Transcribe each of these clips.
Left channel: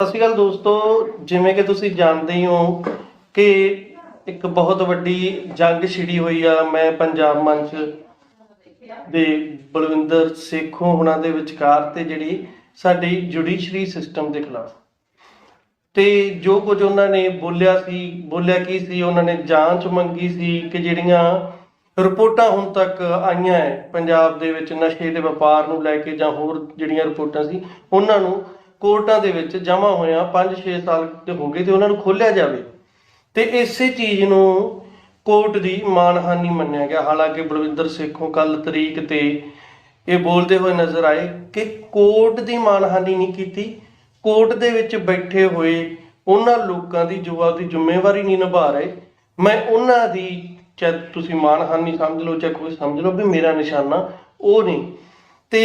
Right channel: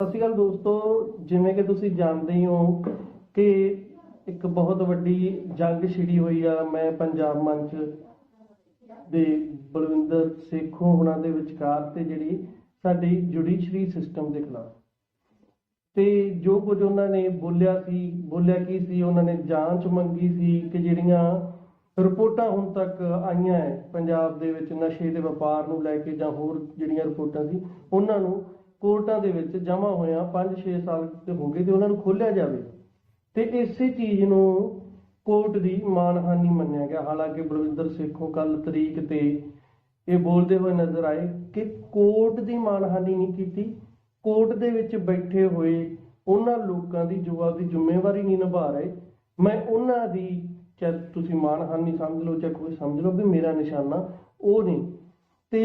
ਸਤਿ ਸ਼੍ਰੀ ਅਕਾਲ ਦੋਸਤੋ, ਜਿਵੇਂ ਕਿ ਤੁਸੀਂ ਜਾਣਦੇ ਹੀ ਹੋ ਕਿ ਇੱਕ ਬਹੁਤ ਵੱਡੀ ਜੰਗ ਛਿੜੀ ਹੋਈ ਆ ਮੈਂ ਪੰਜਾਬ ਮੰਚ ਦੇ ਬਲਵਿੰਦਰ ਸੇਖੋਂ ਹੁਣਾਂ ਦੇ ਵਿਚਕਾਰ ਤੇ ਜਿਹੜੀ ਸਾਡੀ ਜੁਡੀਸ਼ਰੀ ਸਿਸਟਮ ਦੇ ਖਿਲਾਫ। ਤੇ ਜੋ ਕੁਝ ਉਹਨਾਂ ਨੇ ਬੋਲਿਆ ਕੀ ਸੀ, ਉਹਨਾਂ ਨੇ ਜਾਂਚ ਮੰਗੀ ਸੀ ਕਿ ਜਿਹੜੀਆਂ ਰਿਪੋਰਟਾਂ ਹੁਣ ਤੱਕ ਆਈਆਂ ਹੈ ਪੰਜਾਬ ਦੇ ਵਿੱਚ ਨਸ਼ੇ ਦੇ ਵਪਾਰ ਨੂੰ ਲੈ ਕੇ ਜਾਂ ਹੋਰ ਜਿਹੜੀਆਂ ਰਿਪੋਰਟਾਂ ਸੀ ਉਹਨਾਂ ਨੂੰ ਕੋਰਟਾਂ ਦੇ ਵਿੱਚ ਜਮ੍ਹਾਂ ਹੋਇਆ 5-6 ਸਾਲ ਤੇ ਹੋ ਗਏ ਤੇ ਉਹਨਾਂ ਨੂੰ ਖੋਲ੍ਹਿਆ ਜਾਵੇ। ਤੇ ਇਸੇ ਚੀਜ਼ ਨੂੰ ਕੋਰਟ ਦੀ ਮਾਨਹਾਨੀ ਮੰਨਿਆ ਗਿਆ। ਹਾਲਾਂਕਿ ਬਲਵਿੰਦਰ ਸੇਖੋਂ ਕੱਲ ਤਰੀਕ ਤੇ ਇਹ ਬੋਲਦੇ ਹੋਏ ਨਜ਼ਰ ਆਏ ਕਿ ਕੋਰਟ ਦੀ ਮਾਨਹਾਨੀ ਨਹੀਂ ਕੀਤੀ, ਕੋਰਟ ਦੇ ਵਿੱਚ ਬੈਠੇ ਹੋਏ ਉਹਨਾਂ ਲੋਕਾਂ ਦੀ ਜੋ ਆਪਦੀ ਜ਼ਿੰਮੇਵਾਰੀ ਨਹੀਂ ਨਿਭਾ ਰਹੇ, ਮੈਂ ਉਹਨਾਂ ਦੀ ਚਾਹੇ ਤੁਸੀਂ ਮਾਨਹਾਨੀ ਸਮਝ ਲਓ ਚਾਹੇ ਕੋਈ ਸਮਝ ਲਓ ਵੀ ਮੇਰਾ ਨਿਸ਼ਾਨਾ ਉਹ ਨਹੀਂ। ਤੇ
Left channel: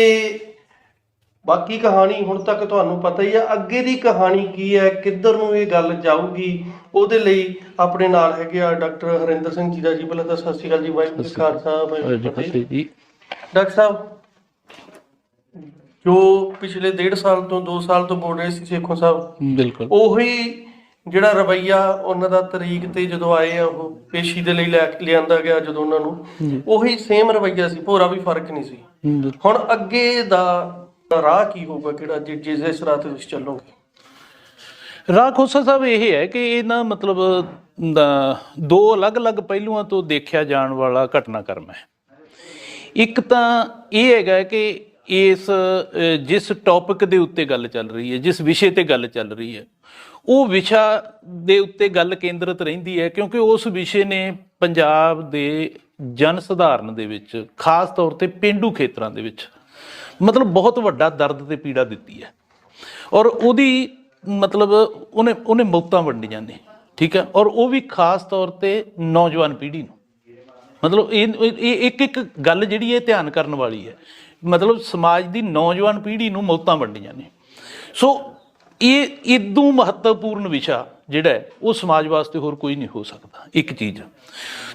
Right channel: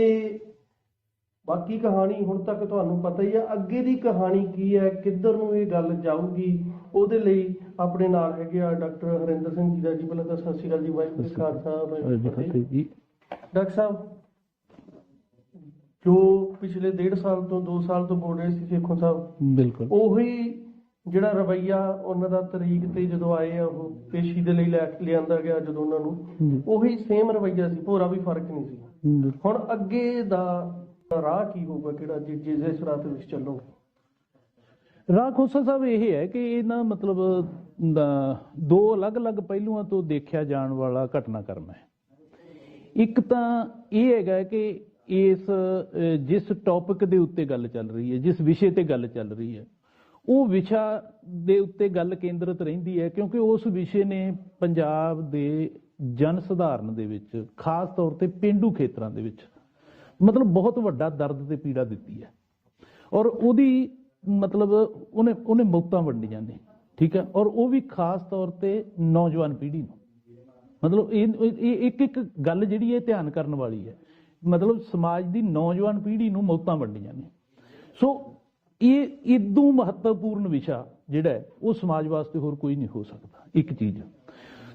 ਬਾਕੀ ਕਹਾਣੀ ਹੁਣ ਤੱਕ ਤੁਹਾਨੂੰ ਪਤਾ ਹੀ ਆ, ਅੱਗੇ ਦੀ ਕਹਾਣੀ ਕੀ ਹੈ, ਕਿੱਧਰ ਨੂੰ ਇਹ ਗੱਲ ਜਾਊਗੀ, ਉਹਦੇ ਲਈ ਆਪਣੇ ਨਾਲ ਹੈਗੇ ਆ ਡਾਕਟਰ ਹਰਿੰਦਰ ਸਿੰਘ ਜੀਰਾ ਜੀ। ਪਹਿਲਾਂ ਤਾਂ ਸਤਿ ਸ਼੍ਰੀ ਅਕਾਲ ਜੀ। ਵਾਹਿਗੁਰੂ ਜੀ ਕਾ ਖਾਲਸਾ ਵਾਹਿਗੁਰੂ ਜੀ ਕੀ ਫਤਿਹ। ਡਾਕਟਰ ਸਾਹਿਬ, ਜੋ ਪਿਛਲੇ 1.5 ਸਾਲ ਤੋਂ 2 ਸਾਲ ਤੋਂ ਬੋਲ ਰਹੇ ਸੀ ਸੇਖੋਂ ਸਾਹਿਬ, ਬਿਲਕੁਲ ਉਹੀ ਜਿਹੜਾ ਰਵੱਈਆ ਉਹਨਾਂ ਦਾ ਤਰੀਕ ਤੇ ਜਦੋਂ ਆਏ ਆ ਉਹ ਪੇਸ਼ੀ ਦੇ ਲਈ ਲਿਆਂਦਾ ਗਿਆ, ਜਦੋਂ ਉਹਨਾਂ ਨੂੰ ਉਹੀ ਸੇਮ ਰਵੱਈਆ ਸੀ, ਭੋਰਾ ਵੀ ਫਰਕ ਨਹੀਂ ਸੀ। ਹੁਣ ਅੱਗੇ ਦਾ ਰਾਹ ਕੀ ਹੋਊਗਾ, ਕਿਹੜਾ ਜਿਸ ਰਾਹ ਤੇ ਤੁਸੀਂ ਚੱਲੋਗੇ? ਰਾਹ ਖੋਸਾ ਸਾਹਿਬ ਇਹ ਹੈ ਕਿ ਇਹ ਨਾ ਮਤਲਬ ਦੋ ਅਲੱਗ-ਅਲੱਗ ਪਹਿਲੂਆਂ ਤੋਂ ਦੇਖਿਆ ਜਾਣ ਵਾਲਾ ਘਟਨਾਕ੍ਰਮ ਹੈ। ਇੱਕ ਤਾਂ ਇਹ ਹੈਗਾ ਕਿ ਜਿਸ ਟੌਪਿਕ ਦੇ ਉੱਤੇ ਗੱਲ ਚੱਲ ਰਹੀ ਹੈ, ਜਿਸ ਵਿਸ਼ੇ ਤੇ ਗੱਲ ਚੱਲ ਰਹੀ ਹੈ, ਉਹ ਵਿਸ਼ਾ ਦੇ ਉੱਤੇ ਗੱਲ ਕੇਂਦਰਿਤ ਰਹਿੰਦੀ ਹੈ, ਕਿਉਂਕਿ ਉਸ ਵਿਸ਼ੇ ਨੇ ਪੰਜਾਬ ਦੇ ਜਨ ਸਧਾਰਨ ਦੇ ਵਿੱਚ, ਖਾਸ ਤੌਰ ਤੇ ਪੇਂਡੂ ਖੇਤਰਾਂ ਦੇ ਵਿੱਚ ਮਤਲਬ ਬਹੁਤ ਵੱਡਾ ਦਰਦ ਤੇ ਪੀੜਾ ਦਿੱਤੀ ਹੈ। ਔਰ ਉਹਦੀ ਮਤਲਬ ਉਹਨੇ ਮੌਤਾਂ ਵੰਡੀਆਂ ਨੇ, ਠੀਕ ਹੈ, ਔਰ ਉਹ ਵੀ ਖਾਸ ਤੌਰ ਤੇ ਨੌਜਵਾਨ ਪੀੜ੍ਹੀ ਨੂੰ। ਮਤਲਬ ਇਹ ਇੱਕ ਗੱਲ ਜਿਹੜੀ ਇਹ ਧਿਆਨ ਕਰਨ ਵਾਲੀ ਹੈ, ਮਤਲਬ ਸਮਾਜ ਦੀ ਨੌਜਵਾਨ ਪੀੜ੍ਹੀ ਨੂੰ ਮੌਤਾਂ ਵੰਡੀਆਂ ਨੇ। ਸੋ ਇਹ ਇਦੋਂ ਮਹੱਤਵਪੂਰਨ ਵਿਸ਼ਾ ਜਿਹੜਾ ਹੈ ਉਹ ਸਮਾਜ ਵਾਸਤੇ ਹੋਰ ਕੋਈ ਨਹੀਂ ਹੋ ਸਕਦਾ, ਇੱਕ ਚੀਜ਼।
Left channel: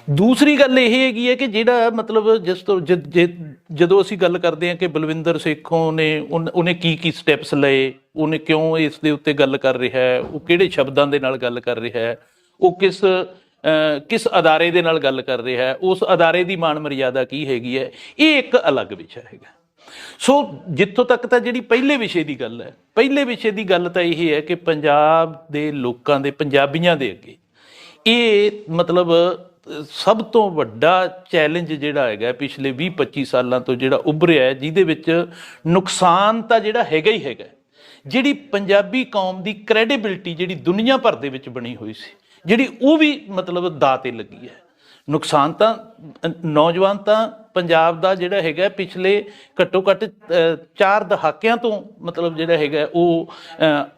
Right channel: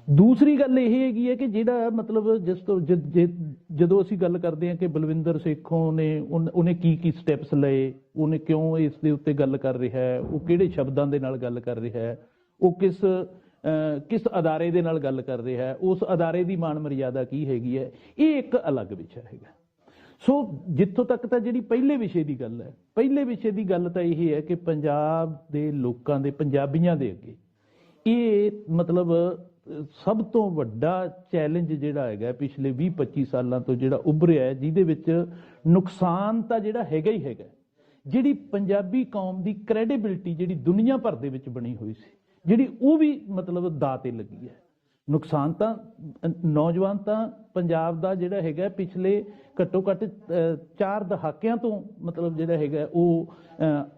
ਦੂਸਰੀ ਗੱਲ ਇਹ ਹੈਗੀ ਹੈ ਕਿ ਜਿਹੜਾ ਮਤਲਬ ਜਦੋਂ ਅਸੀਂ ਗੱਲ ਕਰਦੇ ਹਾਂ ਕਿ ਬਲਵਿੰਦਰ ਸੇਖੋਂ ਨੇ ਉਹਨੇ ਕੀ ਸਟੈਪਸ ਲਏ, ਉਹਨੇ ਕਿਉਂ ਇਸ ਦੇ ਉੱਤੇ ਗੱਲ ਕਰ ਰਿਹਾ ਹੈ, ਉਹ ਕਿਹੜੇ ਸ਼ਬਦਾਂ ਦੇ ਨਾਲ ਗੱਲ ਕਰ ਰਿਹਾ ਹੈ, ਉਹ ਕਿਸ ਅਦਾਰੇ ਦੇ ਨਾਲ ਗੱਲ ਕਰ ਰਿਹਾ ਹੈ, ਉਸ ਅਦਾਰੇ ਦੀ ਮਾਣ ਮਰਿਆਦਾ ਕੀ ਹੈਗੀ ਹੈ, ਇਹ ਇੱਕ ਅਲੱਗ ਵਿਸ਼ਾ ਹੈਗਾ। ਸੋ ਜਿੱਥੋਂ ਤੱਕ ਤਾਂ ਜਿਹੜੀ ਪਹਿਲੇ ਵਿਸ਼ੇ ਦੀ ਗੱਲ ਹੈ, ਪਹਿਲੇ ਵਿਸ਼ੇ ਦੀ ਗੱਲ ਤਾਂ ਇਹ ਹੈ ਕਿ ਪੰਜਾਬ ਦੇ ਲੋਕਾਂ ਦੇ, ਪੰਜਾਬੀਆਂ ਦੇ ਅੱਗੇ ਇਹ ਮਤਲਬ ਸਭ ਤੋਂ ਵੱਡਾ ਚੈਲੰਜ ਜਿਹੜਾ ਹੈਗਾ ਪਿਛਲੇ 20-25 ਸਾਲਾਂ ਤੋਂ ਜਿਹੜਾ ਉੱਭਰਿਆ ਹੈ, ਜਿਹਦੇ ਵਿੱਚ ਨੁਕਸਾਨ ਤਾਂ ਜਿਹੜਾ ਹੈਗਾ ਹੀ ਹੈਗਾ। ਜਿਹੜੀ ਪੰਜਾਬੀ ਕੌਮ ਦੀ ਕ੍ਰੈਡੀਬਿਲਿਟੀ ਜਿਹੜੀ ਦੁਨੀਆ ਭਰ ਦੇ ਵਿੱਚ ਬਣੀ ਹੋਈ ਸੀ, ਜਿਹੜੀ ਉਹ ਵੀ ਮਤਲਬ ਦਾਅ 'ਤੇ ਲੱਗੀ ਹੈ। ਨੁਕਸਾਨ ਤਾਂ ਨੌਜਵਾਨ ਤਾਂ ਪੰਜਾਬ ਦਾ ਜਿਹੜਾ ਹੈਗਾ ਪਿਛਲੇ ਘੱਟੋ ਘੱਟ 4 ਦਹਾਕਿਆਂ ਤੋਂ ਮਤਲਬ ਜਿਹੜਾ ਹੈਗਾ ਉਹ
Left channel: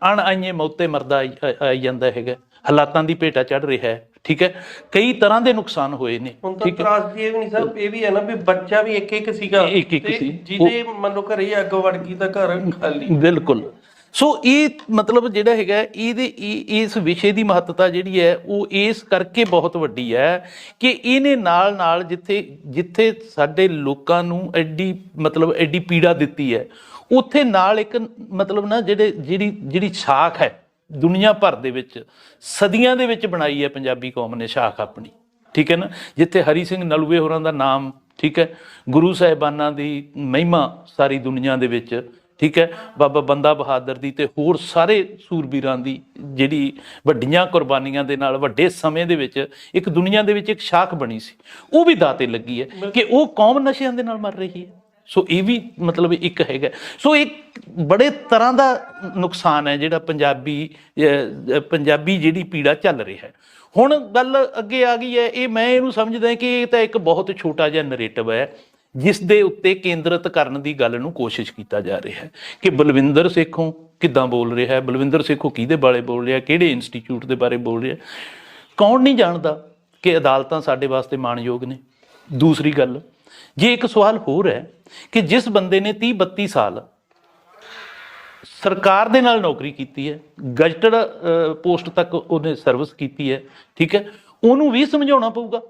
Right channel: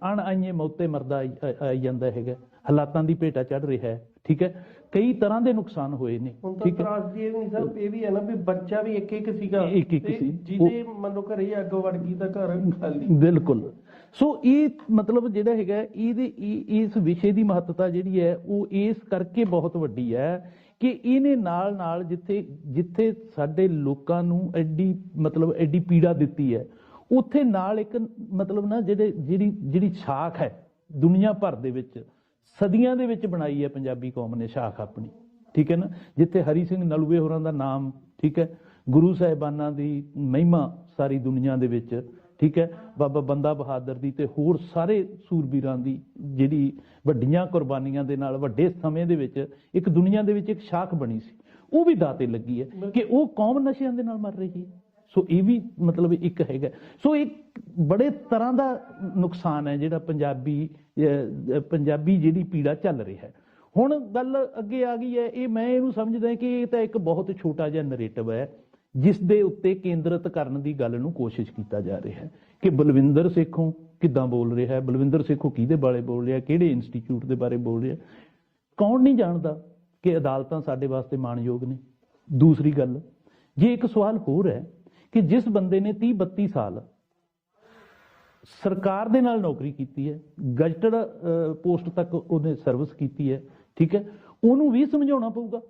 ਅਣਆਈਏ ਮੌਤੇ ਮਰਦਾ ਆਈ ਜਾਂਦਾ ਹੈਗਾ, ਹਾਲਾਤਾਂ ਦੀ ਭੇਟਾ ਚੜ੍ਹ ਰਿਹਾ ਹੈ, ਠੀਕ ਹੈ। ਕਈ ਤਰ੍ਹਾਂ ਦੇ ਨੁਕਸਾਨ ਹੋਏ ਨੇ। ਹੁਣ ਤਾਂ ਤਰਾਸਦੀ ਇਹ ਵੀ ਨਹੀਂ ਸਰ, ਇਹ ਵੀ ਹੈ ਨਾ ਵੀ ਬੱਚਾ ਵੀ ਇੱਕ ਸੀਗਾ, ਜਿਹਦੇ ਮੰਨ ਲਓ ਘਰੇ ਅੱਗ ਵੜ ਗਈ ਤਾਂ ਘਰ ਖਾਲੀ। ਬਿਲਕੁਲ। ਸੋ ਇਹ ਮਤਲਬ ਜਿਹੜਾ ਹੈਗਾ ਇਸ ਵਿਸ਼ੇ ਦੀ ਮਹੱਤਤਾ ਜਿਹੜੀ ਹੈ ਉਹ ਇਸ ਕਰਕੇ ਬਹੁਤ ਵੱਡੀ ਹੈ ਕਿ ਇਹਨੇ ਨਾਲ ਜਿੱਥੇ ਸਾਡੇ ਲੋਕਾਂ ਨੂੰ ਐਡੀ ਪੀੜਾ ਦਿੱਤੀ ਹੈ, ਉੱਥੇ ਨਾਲ ਇੱਕ ਮਤਲਬ ਨਾ ਜਿਹੜੀ ਸ਼ਾਖ ਹੈ ਦੁਨੀਆ ਭਰ ਦੇ ਵਿੱਚ ਸਦੀਆਂ ਦੇ ਵਿੱਚ ਬਣਾਈ ਹੈ ਪੰਜਾਬੀ ਕੌਮ ਨੇ ਸ਼ਾਖ ਆਪਣੀ, ਠੀਕ ਹੈ ਨਾ। ਜਿੱਥੇ ਹਰੀ ਸਿੰਘ ਨਲੂਏ ਹੋਰਾਂ ਦਾ ਨਾਮ, ਠੀਕ ਹੈ, ਗੁਰੂ ਸਾਹਿਬਾਨਾਂ ਦੀ ਮਹਿਮਾ ਸਾਰੀ ਦੁਨੀਆ ਦੇ ਵਿੱਚ, ਠੀਕ ਹੈ, ਬਾਬਾ ਬੰਦਾ ਬਹਾਦਰ ਦੀ ਤੇ ਹੋਰ ਸਾਰੇ ਸੂਰਬੀਰਾਂ ਦੀ ਜਿਹੜੀ ਵੱਡੀਆਂ ਕੁਰਬਾਨੀਆਂ ਦੇ ਨਾਲ ਵੱਡੇ ਸਮੇਂ ਦੇ ਵਿੱਚ ਇੱਕ ਦੁਨੀਆ ਦੇ ਵਿੱਚ ਇੱਕ ਸ਼ਾਖ ਬਣੀ ਸੀ, ਉਹ ਵੀ ਦਾਅ 'ਤੇ ਲੱਗੀ ਹੈ ਕਿ ਉਹ ਕੌਮ ਨਸ਼ਿਆਂ ਦੇ ਨਾਲ ਮਰ ਰਹੀ ਹੈ। ਸੋ ਇਹ ਵੀ ਮਤਲਬ ਇੱਕ ਹੈਗਾ। ਸੋ ਇੱਕ ਬੜੇ ਤਰ੍ਹਾਂ ਦਾ ਨੁਕਸਾਨ ਹੈ ਜਿਹੜਾ ਪੰਜਾਬੀ ਜਿਹੜੀ ਪੀੜਾ ਚੱਲ ਰਿਹਾ ਹੈ। ਹੁਣ ਗੱਲ ਅੱਗੇ ਆ ਗਈ ਹੈ, ਮੈਂ ਇਹਨੂੰ ਸਮਝਦਾ ਕਿ ਇਹ ਤਾਂ ਇੱਕ ਬਹੁਤ ਛੋਟਾ ਜਿਹਾ ਨਰੇਟਿਵ ਹੈ ਜਿਸ ਦੇ ਉੱਤੇ ਕੇਂਦਰਿਤ ਕਰਨ ਦੀ ਗੱਲ ਨੂੰ ਕੋਸ਼ਿਸ਼ ਕੀਤਾ ਜਾ ਰਿਹਾ ਹੈ ਕਿ ਬਲਵਿੰਦਰ ਸੇਖੋਂ ਕਿੱਦਾਂ ਬੋਲ ਰਿਹਾ ਹੈ, ਬਲਵਿੰਦਰ ਸੇਖੋਂ ਕਿਹਦੇ ਬਾਰੇ ਬੋਲ ਰਿਹਾ, ਕਿਹੜੇ ਇੰਸਟੀਚਿਊਟ ਦੇ ਬਾਰੇ ਬੋਲ ਰਿਹਾ। ਕੌਣ ਨਹੀਂ ਜਾਣਦਾ ਕਿ ਅਦਾਲਤਾਂ ਸਾਡੇ ਵਾਸਤੇ ਮਾਣਯੋਗ ਨੇ। ਦੂਸਰੀ ਗੱਲ, ਜੇ ਇੱਕ ਸਵਾਲ ਹੋਰ ਹੈ ਕਿ ਜਿਸ ਬੰਦੇ ਨੇ 30-32 ਸਾਲ ਸਰਕਾਰ ਦੇ ਨਾਲ ਨੌਕਰੀ ਕੀਤੀ ਹੈ, ਗਜ਼ਟਡ ਪੋਸਟ ਤੱਕ ਉਹਨੇ ਸਰਵਿਸ ਕੀਤੀ ਹੈ, ਠੀਕ ਹੈ, ਉਹਨੂੰ ਵੀ ਸਮਝਾਉਣਾ ਪਊਗਾ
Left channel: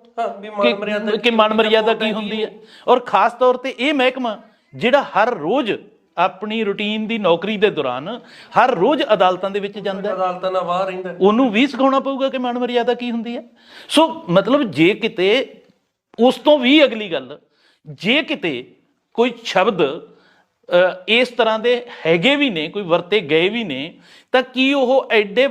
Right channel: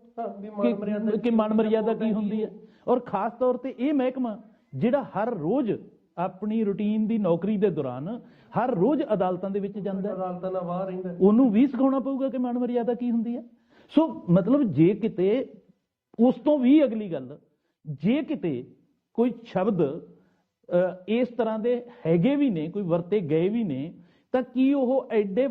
ਕਿ ਮਾਣ ਮਰਿਆਦਾ ਕੀ ਹੁੰਦੀ ਹੈ। ਔਰ ਖਾਸ ਤੌਰ ਤੇ ਇਹ ਮਹਿਕਮਾ ਜਿਹੜਾ ਹਰ ਰੋਜ਼ ਆਪਣੀ ਰੂਟੀਨ ਦੀ ਨੌਕਰੀ ਦੇ ਦੌਰਾਨ ਹਰ ਰੋਜ਼ ਅਦਾਲਤਾਂ ਦੇ ਵਿੱਚ ਜਾਂਦਾ ਹੈ, ਅਦਾਲਤਾਂ ਨਾਲ ਬਾਹਰ ਰਹਿੰਦਾ, ਉਹਨੂੰ ਵੀ ਸਿਖਾਉਣਾ ਪਊਗਾ ਕਿ ਮਾਨ ਮਰਿਆਦਾ ਕੀ ਹੁੰਦੀ ਹੈ। ਸੋ ਮਤਲਬ ਜੇ ਕਿਤੇ ਉਸ ਤੋਂ ਵੀ ਅਗਲੀ ਗੱਲ, ਜੇ ਕਿਤੇ ਕੋਈ ਸ਼ਬਦ ਇਸ ਤਰ੍ਹਾਂ ਦੇ ਹੈਗੇ ਵੀ ਨੇ, ਕੋਈ ਵਰਤੇ ਗਏ ਵੀ ਨੇ, ਤਾਂ ਕੀ ਉਹ ਐਡੇ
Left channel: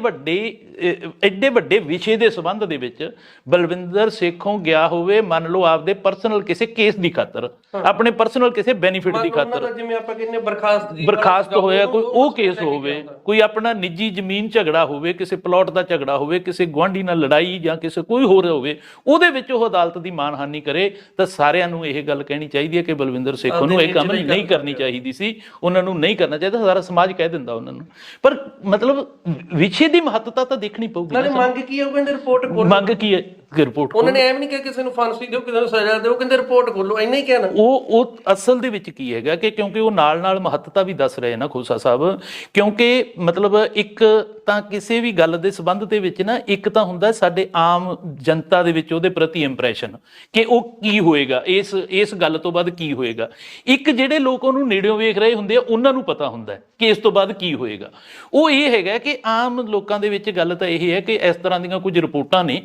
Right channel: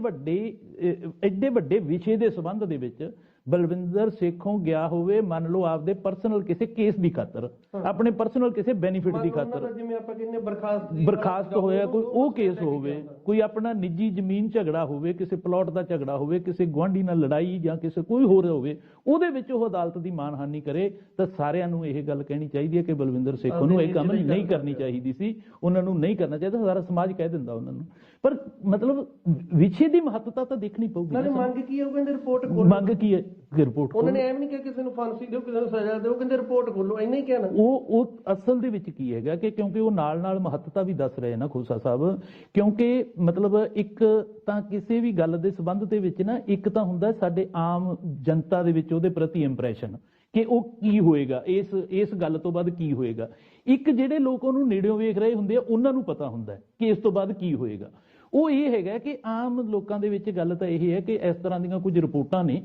ਵੱਡੇ ਵਿਸ਼ੇ ਦੇ ਸੰਬੰਧ ਦੇ ਵਿੱਚ ਬਲਵਿੰਦਰ ਸੇਖੋਂ ਗਿਆ ਹੋਵੇ, ਮੰਨ ਲਓ ਆਪਦੇ ਪਰਸਨਲ ਕਿਸੇ ਕੇਸ ਦੀ ਖਾਤਰ, ਆਪਣੇ ਪਰਸਨਲ ਕਿਸੇ ਬੈਨੀਫਿਟ ਦੀ ਖਾਤਰ, ਜਿਵੇਂ ਆਪਾਂ ਕਹਿੰਦੇ ਬਰਖਾਸਤ ਹੋਇਆ, ਕੋਈ ਉਹ ਕੇਸ ਹੋਵੇ, ਕੋਈ ਆਪਣਾ ਨਿੱਜੀ ਜ਼ਮੀਨ ਝਗੜਾ ਹੋਵੇ, ਕਿਸੇ ਪਲਾਟ ਦਾ ਝਗੜਾ ਹੋਵੇ, ਕਿਸੇ ਗੁਆਂਢੀ ਨਾਲ ਲੜਾਈ ਜਾਂ ਕਿਸੇ ਕੋਈ ਹੋਰ ਹੋਵੇ, ਉਹਦੇ ਵਿੱਚ ਉਹ ਅਦਾਲਤ ਦੀ ਮਾਨਹਾਨੀ ਕਰੇ, ਤਾਂ ਸਾਰਿਆਂ ਨੂੰ ਇਹ ਗੱਲ ਕਹਿਣੀ ਚਾਹੀਦੀ ਹੈ ਕਿ ਬਲਵਿੰਦਰ ਸੇਖੋਂ ਨੂੰ ਇਹ ਕੰਮ ਨਹੀਂ ਕਰਨੀ ਚਾਹੀਦੀ ਸੀ, ਉਹਨਾਂ ਨੂੰ ਨਹੀਂ ਕਰਨਾ ਚਾਹੀਦਾ, ਸਾਰਾ ਸਮਾਜ ਕਹਿ ਦਿੰਦਾ ਉਹਨਾਂ ਨੂੰ। ਪਰ ਮਤਲਬ ਵਿਸ਼ੇ ਦੀ ਮਹੱਤਤਾ ਤਾਂ ਦੇਖਣੀ ਪਊਗੀ। ਨਾਲੇ ਮੰਗ ਕੀ ਹੈ, ਉਹ ਕਹਿੰਦੇ ਰਿਪੋਰਟ ਖੋਲੋ। ਮੰਗ ਕੀ ਹੈ? ਰਿਪੋਰਟ ਉਹਨਾਂ ਨੇ ਐਵੇਂ ਨਹੀਂ ਕਿਹਾ ਕਿਸੇ ਨੂੰ ਫਾਂਸੀ ਦਿਓ, ਕਿਸੇ ਨੂੰ ਸਜ਼ਾ ਦਿਓ, ਕਹਿੰਦੇ ਰਿਪੋਰਟ ਖੋਲੋ, ਇੰਨਾ ਹੀ ਕਹਿਣਾ। ਉਹ ਅਸਲ ਦੇ ਵਿੱਚ ਕੀ ਹੈਗਾ ਕਿ ਕਿਉਂਕਿ ਉਹ ਨਾਲ ਮਹੱਤਤਾ ਵੀ ਦੱਸ ਰਹੇ ਨਾ ਖੋਸਾ ਸਾਹਿਬ, ਕਿਉਂਕਿ ਮਤਲਬ ਇੱਕ ਤਾਂ ਕਿਸੇ ਵੀ ਗੱਲ ਦੇ ਸੰਬੰਧ ਦੇ ਵਿੱਚ ਨਾ, ਇੱਕ ਤਾਂ ਹੁੰਦਾ ਸਾਡੇ ਆਮ ਜਨਤਾ ਦੇ ਵਿੱਚ ਉਹਦੇ ਪ੍ਰਤੀ ਇੰਪ੍ਰੈਸ਼ਨ ਕਿ ਉਹ ਕੀ ਹੋਏਗਾ, ਇਸ ਗੱਲ ਤੋਂ ਬਾਅਦ ਕੀ ਹੋਏਗਾ। ਇੱਕ ਜਿਹੜੇ ਲੋਕ ਉਹਨੂੰ ਨੇੜਿਓਂ ਵੇਖ ਰਹੇ ਹੁੰਦੇ ਆ, ਉਹਨਾਂ ਨੂੰ ਪਤਾ ਹੁੰਦਾ ਕਿ ਇਸ ਤੋਂ ਬਾਅਦ ਕੀ ਹੋਏਗਾ। ਉਹ ਇਹ ਹੈਗਾ ਕਿ ਆਮ ਲੋਕਾਂ ਦੇ ਵਿੱਚ ਗੱਲ ਤਾਂ ਇਹ ਹੈ ਕਿ ਇਸ ਤਰ੍ਹਾਂ ਦੀਆਂ ਕੁਝ ਰਿਪੋਰਟਾਂ ਨੇ,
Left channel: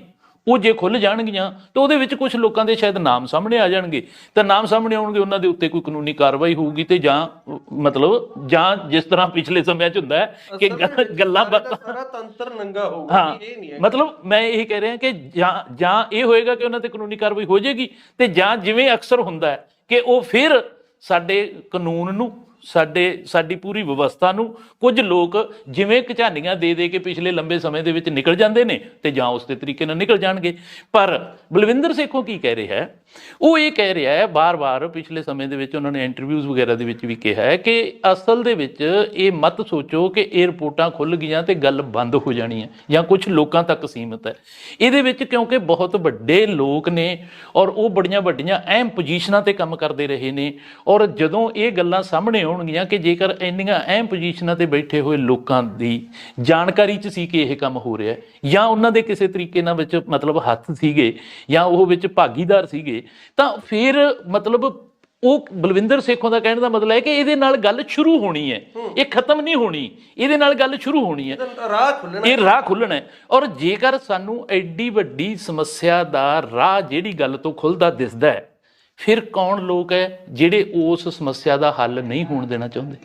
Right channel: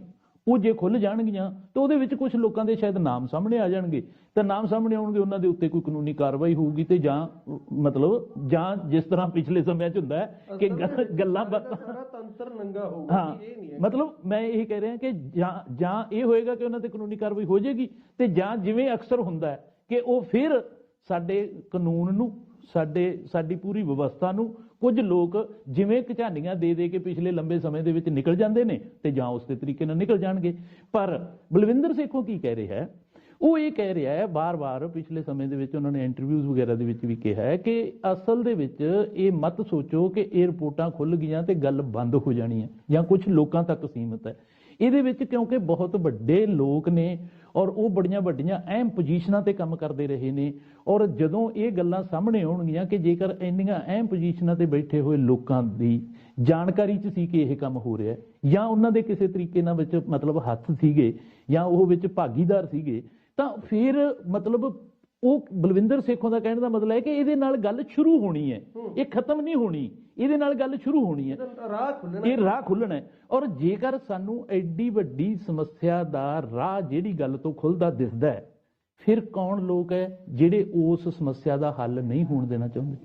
ਉਹ ਜੇ ਖੁੱਲ੍ਹ ਜਾਣਗੀਆਂ ਤਾਂ ਉਹਦੇ ਵਿੱਚ ਕੁਝ ਲੋਕਾਂ ਦੇ ਸ਼ਾਇਦ ਨਾਮ ਸਾਹਮਣੇ ਆ ਜਾਣਗੇ, ਤਾਂ ਨਾਮ ਸਾਹਮਣੇ ਆਉਣਗੇ, ਉਹਨਾਂ ਦੇ ਉੱਤੇ ਕੋਈ ਕਾਨੂੰਨੀ ਕਾਰਵਾਈ ਹੋਊਗੀ, ਤੇ ਜਾਂ ਜਿਸ ਤਰ੍ਹਾਂ ਪਿਛਲੇ ਸਮਿਆਂ 'ਚ ਹੁੰਦਾ ਹੈ ਕਿ ਗੱਲਾਂ ਬਾਤਾਂ, ਸਾਰਾ ਤੰਤਰ ਨੰਗਾ ਹੋਊਗਾ। ਇਹ ਨਹੀਂ ਹੈ, ਮਤਲਬ ਮੈਂ ਇਹ ਕਹਿ ਰਿਹਾ ਕਿ ਜਾਂ ਇਹ ਹੋਏਗਾ ਕਿ ਉਹਨਾਂ ਤੇ ਕਾਨੂੰਨੀ ਕਾਰਵਾਈ ਹੋ ਜਾਏਗੀ, ਤੇ ਜਾਂ ਜਿਵੇਂ ਅਕਸਰ ਹੁੰਦਾ ਹੈ ਕਿ ਉਹ ਫਿਰ ਸਾਡੇ ਕਾਨੂੰਨ ਨੂੰ, ਸਾਡੀ ਪੂਰੀ ਵਿਵਸਥਾ ਨੂੰ ਕੁਝ ਲੋਕ ਜਿਵੇਂ ਕਝਾਨੀਆਂ ਦੇ ਕੇ ਪਿਛਲੇ ਲੰਬੇ ਸਮੇਂ ਦੇ ਵਿੱਚ ਨਿਕਲ ਜਾਂਦੇ ਨੇ, ਤੇ ਜਾਂ ਉਸ ਦੇ ਤਰੀਕੇ ਨਾਲ ਨਿਕਲ ਜਾਣਗੇ। ਪਰ ਬਲਵਿੰਦਰ ਸੇਖੋਂ ਕੀ ਕਹਿ ਰਿਹਾ ਹੈ? ਉਹ ਇਹ ਕਹਿ ਰਿਹਾ ਹੈ, ਬਾਰ-ਬਾਰ ਪਿਛਲੇ ਸਮੇਂ ਦੇ ਵਿੱਚ ਉਹਨਾਂ ਨੇ ਇੰਟਰਵਿਊਜ਼ ਵਗੈਰਾ ਦੇ ਵਿੱਚ ਵੀ ਕਿਹਾ ਹੈ ਕਿ ਅਸਲ ਦੇ ਵਿੱਚ ਇਹ ਮਤ ਸੋਚੋ ਕਿ ਇਹ ਰਿਪੋਰਟਾਂ ਖੁੱਲ੍ਹ ਗਈਆਂ ਤੇ ਗੱਲ ਬੰਦ ਹੋ ਜਾਣੀ ਹੈ ਜਾਂ ਕੁਝ ਲੋਕਾਂ ਤੱਕ ਸੀਮਤ ਹੈ। ਇਹਦੇ ਵਿੱਚ ਕਿਉਂਕਿ ਬਹੁਤ ਵੱਡੇ ਲੋਕ ਨੇ ਔਰ ਉਹ ਬੜੀਆਂ ਵੱਡੀਆਂ ਅਹਿਮ ਪੋਜੀਸ਼ਨਾਂ ਤੇ ਕੰਮ ਕਰਦੇ ਰਹੇ ਨੇ, ਔਰ ਜਦੋਂ ਇਹ ਗੱਲਾਂ ਸਾਹਮਣੇ ਆਉਣਗੀਆਂ ਕਿ ਜੇਕਰ ਇੰਨੀਆਂ ਅਹਿਮ ਪੋਜੀਸ਼ਨਾਂ ਤੇ ਬੈਠੇ ਹੋਏ ਲੋਕਾਂ ਦੀ ਜਾਣਕਾਰੀ 'ਚ ਸੀ ਕਿ ਇਹ ਕੰਮ ਹੋ ਰਿਹਾ, ਜਾਂ ਉਹਨਾਂ ਦੇ ਕਿਸੇ ਤਰੀਕੇ ਨਾਲ ਵਿੱਚ ਮਤਲਬ ਹੱਥ ਸੀਗੇ, ਜਾਂ ਉਹ ਵਿੱਚ ਭਾਗੀਦਾਰ ਸੀਗੇ, ਤਾਂ ਫਿਰ ਮਤਲਬ ਉਹ ਬਲਵਿੰਦਰ ਸੇਖੋਂ ਦਾ ਕਹਿਣ ਦਾ ਮਤਲਬ ਹੈ ਕਿ ਇਹਦੇ ਨਾਲ ਗੱਲ ਸ਼ੁਰੂ ਹੋਣੀ ਹੈ, ਇਹ ਖਤਮ ਨਹੀਂ ਹੋਣੀ, ਇਹਦੇ ਨਾਲ ਗੱਲ ਸ਼ੁਰੂ ਹੋਣੀ ਹੈ, ਇਹ ਰਾਹ ਖੁੱਲ੍ਹਣਾ ਹੈ। ਔਰ ਜੇਕਰ ਸਾਨੂੰ ਐਡੀ ਵੱਡੀ ਸਮੱਸਿਆ ਦਾ ਰਾਹ ਜਿਹੜੀ ਗੱਲ ਤੋਂ ਖੁੱਲ੍ਹਦਾ ਦਿਸਦਾ ਹੈ, ਫਿਰ ਕੌਣ ਲੋਕ ਹੈ ਜਿਹੜੇ ਉਸ ਸਮੱਸਿਆ ਦਾ ਹੱਲ ਨਹੀਂ ਹੋਣ ਦੇਣਾ ਚਾਹੁੰਦੇ,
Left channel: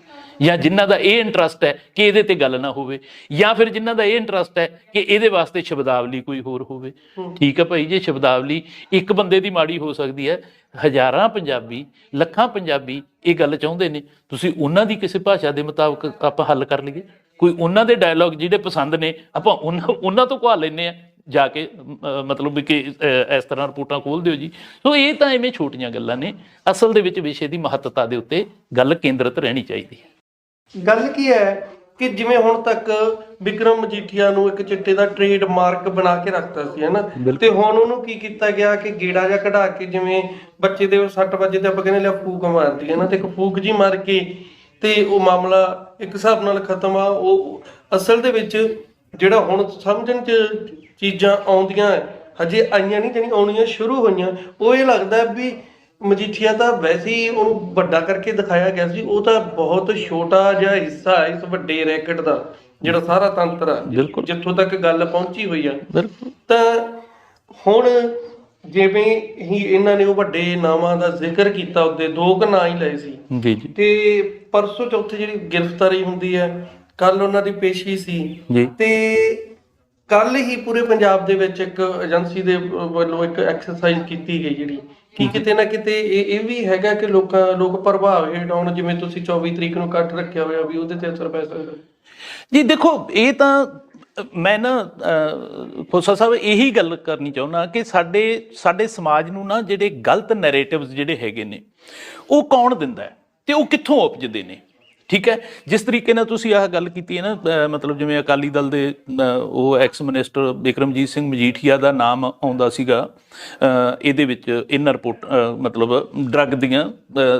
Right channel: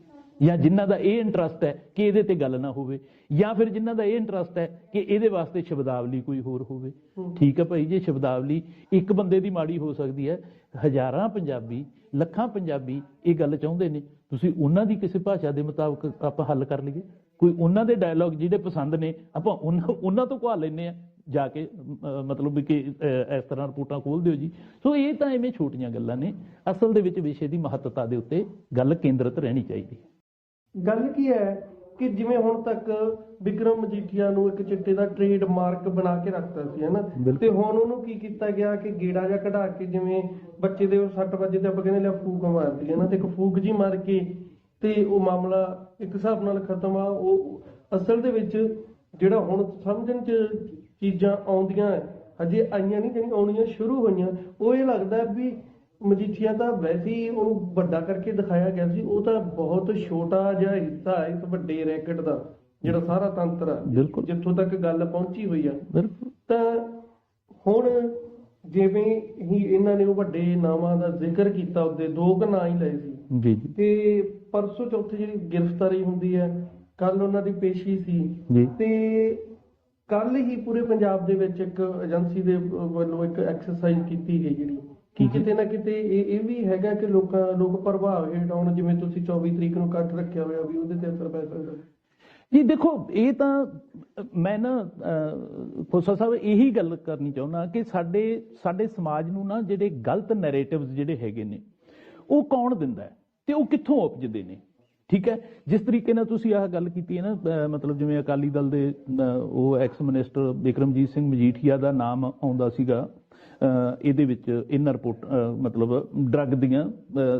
ਜਾਂ ਜਿਨ੍ਹਾਂ ਦਾ ਇਹ ਇੰਟਰਸਟ ਹੈ ਕਿ ਇਹਦੇ ਤੇ ਗੱਲ ਨਾ ਹੋਵੇ, ਜਾਂ ਫਿਰ ਜਿਨ੍ਹਾਂ ਦਾ ਇਹ ਇੰਟਰਸਟ ਹੈ ਕਿ ਇਹਦੇ ਵਾਸਤੇ ਸ਼ਬਦਾਵਲੀ ਕੋਈ ਹੋਰ ਹੋਵੇ। ਠੀਕ ਹੈ ਭਾਈ, ਜੇ ਸ਼ਬਦਾਵਲੀ ਇੱਕ ਬੰਦੇ ਦੀ ਮਾੜੀ ਹੋ ਸਕਦੀ ਹੈ, ਹਜ਼ਾਰਾਂ ਪੰਜਾਬੀ, ਲੱਖਾਂ ਪੰਜਾਬੀ ਇਹ ਗੱਲ ਚਾਹੁੰਦੇ ਨੇ, ਤੁਸੀਂ ਉਹਨਾਂ ਦੀ ਕਿਸੇ ਭਾਸ਼ਾ ਦੇ ਮੁਤਾਬਕ ਆਪਾਂ ਹੱਲ ਕਰ ਲਈਏ। ਕੋਈ ਉਹਨਾਂ ਦੇ ਡਾਇਲੌਗ ਜਿਹੜੇ ਪਸੰਦ ਨੇ ਆਪਾਂ ਉਹਨਾਂ ਤੋਂ ਕਹਾ ਲੈਂਦੇ ਹਾਂ ਜਾ ਕੇ, ਮਤਲਬ ਕਿ ਇਸ ਤਰ੍ਹਾਂ ਰਿਪੋਰਟਾਂ ਖੋਲ੍ਹ ਦਿਓ ਜੀ। ਸੋ ਇਹ ਤਾਂ ਐਵੇਂ ਛੋਟੀਆਂ ਗੱਲਾਂ ਨੇ, ਅਸਲ ਦੇ ਵਿੱਚ ਵਿਸ਼ੇ ਦੀ ਮਹੱਤਤਾ ਦੇ ਉੱਤੇ ਗੱਲ ਕੇਂਦਰਿਤ ਰਹਿਣੀ ਚਾਹੀਦੀ ਹੈ। ਗੱਲ ਕੀ ਹੈ ਕਿ ਜਿਵੇਂ ਹੁਣ ਤੱਕ ਵਿਕਰਮ ਮਜੀਠੀਆ ਨੂੰ ਇੱਕ ਚਿੱਟੇ ਦਾ ਟ੍ਰੇਡ ਮਾਰਕ ਬਣਾ ਕੇ ਰੱਖਤਾ ਸੀ, ਹਨਾ, ਤੇ ਹੁਣ ਉਹਨੂੰ ਕੀ ਕੀਤਾ ਗਿਆ ਕਿ ਗੇੜਾ ਜਿਹਾ ਕਢਾ ਕੇ, ਜਿਵੇਂ ਬੱਚੇ ਦੇ 6 ਵਜੇ ਤੇ ਆਪਾਂ ਕਹਿੰਦੇ ਲਿਆ ਫੂਕ ਮਾਰਦੀ ਹੈ ਨਾ, ਤੇ ਇੱਕ ਫੂਕ ਜੀ ਮਾਰ ਕੇ ਤੇ ਉਹ ਮਾਮਲਾ ਇੱਕ ਹਿਸਾਬ ਨਾਲ ਖਤਮ ਆ। ਉਹ ਅਸਲ ਦੇ ਵਿੱਚ ਜਿਹੜਾ ਹੁਣ ਸਮਝਣ 'ਚ ਚੀਜ਼ਾਂ ਆਉਂਦੀਆਂ ਹਜੇ ਆਈਆਂ ਨਹੀਂ, ਜਿਹੜੀਆਂ ਆਉਣੀਆਂ ਸ਼ੁਰੂ ਹੋਈਆਂ, ਉਹ ਇਹ ਲੱਗਦਾ ਵੀ ਮਜੀਠੀਆ ਤਾਂ ਵੈਸੇ ਹੀ ਉਹਨੂੰ ਵੱਡਾ ਕਰਕੇ ਦਿਖਾਇਆ ਗਿਆ ਸੀ, ਉਹ ਤਾਂ ਬਹੁਤ ਛੋਟਾ ਜਿਹਾ ਹਿੱਸਾ ਹੈ ਇਸ ਵੱਡੇ ਰੈਕਟ ਦਾ, ਜਿਹੜਾ ਸਾਰਾ ਤੰਤਰ ਆ ਜਿੱਥੋਂ ਤੱਕ ਗੱਲ ਪਹੁੰਚੀ ਹੋਈ ਆ। ਤਾਂ ਹੁਣ ਜਿਵੇਂ ਹੀ ਇਹਨਾਂ ਨੇ ਉਹ ਵੱਡੇ ਨਾਵਾਂ ਦਾ ਜ਼ਿਕਰ ਕੀਤਾ, ਉਹਦੇ 2 ਨਾਂ ਹੀ ਲਏ ਸੀ, ਤੇ ਪਰਸੋਂ ਚੌਥੇ ਜਿਹੜੀ ਗ੍ਰਿਫਤਾਰੀ ਹੁੰਦੀ ਹੈ, ਕੱਲ ਉਹਨਾਂ ਦੀ ਪੇਸ਼ੀ ਸੀ, ਤੇ ਕੱਲ ਹੀ ਪੂਰੇ ਪੰਜਾਬ ਦੇ ਵਿੱਚ ਇੱਕ ਏਜੰਸੀ ਦੇ ਵੱਲੋਂ ਇੱਕ ਐਕਸਰਸਾਈਜ਼ ਕੀਤੀ ਗਈ, ਜਿਹੜੀ ਕਿ ਕਿਤੇ ਨਾ ਕਿਤੇ ਇਹ ਵੀ ਹੈਗਾ ਕਿ ਲੋਕ ਪ੍ਰਭਾਵ ਹੇਠ ਆਉਣ, ਜਿਵੇਂ ਤੁਸੀਂ 24 ਤਰੀਕ ਨੂੰ ਇਕੱਠ ਰੱਖਿਆ ਹੋਇਆ ਵੀ ਉਹਦੇ ਤੇ ਅਸਰ ਪੈ ਸਕਦਾ ਜੀ। ਦੇਖੋ, ਇਹ ਤਾਂ ਮੈਂ ਨਾ ਖੋਸਾ ਸਾਹਿਬ ਇਹੀ ਗੱਲ ਕਰਨੀ ਚਾਹੁੰਦਾ ਕਿ ਸਾਡੇ ਸਮਾਜ ਨੂੰ ਨਾ ਜਿਹੜੇ ਗਲਤ ਨੈਰੇਟਿਵਸ ਜਿਹੜੇ ਹੈਗੇ ਨੇ, ਉਹ ਕੌਣ ਦਿੰਦਾ ਹੈ ਤੇ ਉਹ ਕਿੱਥੋਂ ਉਪਜਦੇ ਨੇ। ਠੀਕ ਹੈ, ਜਿਸ ਤਰੀਕੇ ਨਾਲ ਤੁਸੀਂ ਆਹ ਗੱਲ ਕੀਤੀ ਹੈ ਨਾ, ਮਤਲਬ ਜਿਵੇਂ ਅਕਾਲੀ ਦਲ ਦੇ ਉਹ ਐਕਸ ਮਿਨਿਸਟਰ ਬਿਕਰਮਜੀਤ ਸਿੰਘ ਮਜੀਠੀਆ ਦਾ ਨਾਮ ਆਉਂਦਾ ਸੀਗਾ ਇਹਦੇ ਵਿੱਚ, ਇਹਨਾਂ ਰਿਪੋਰਟ ਮਤਲਬ ਡਰੱਗ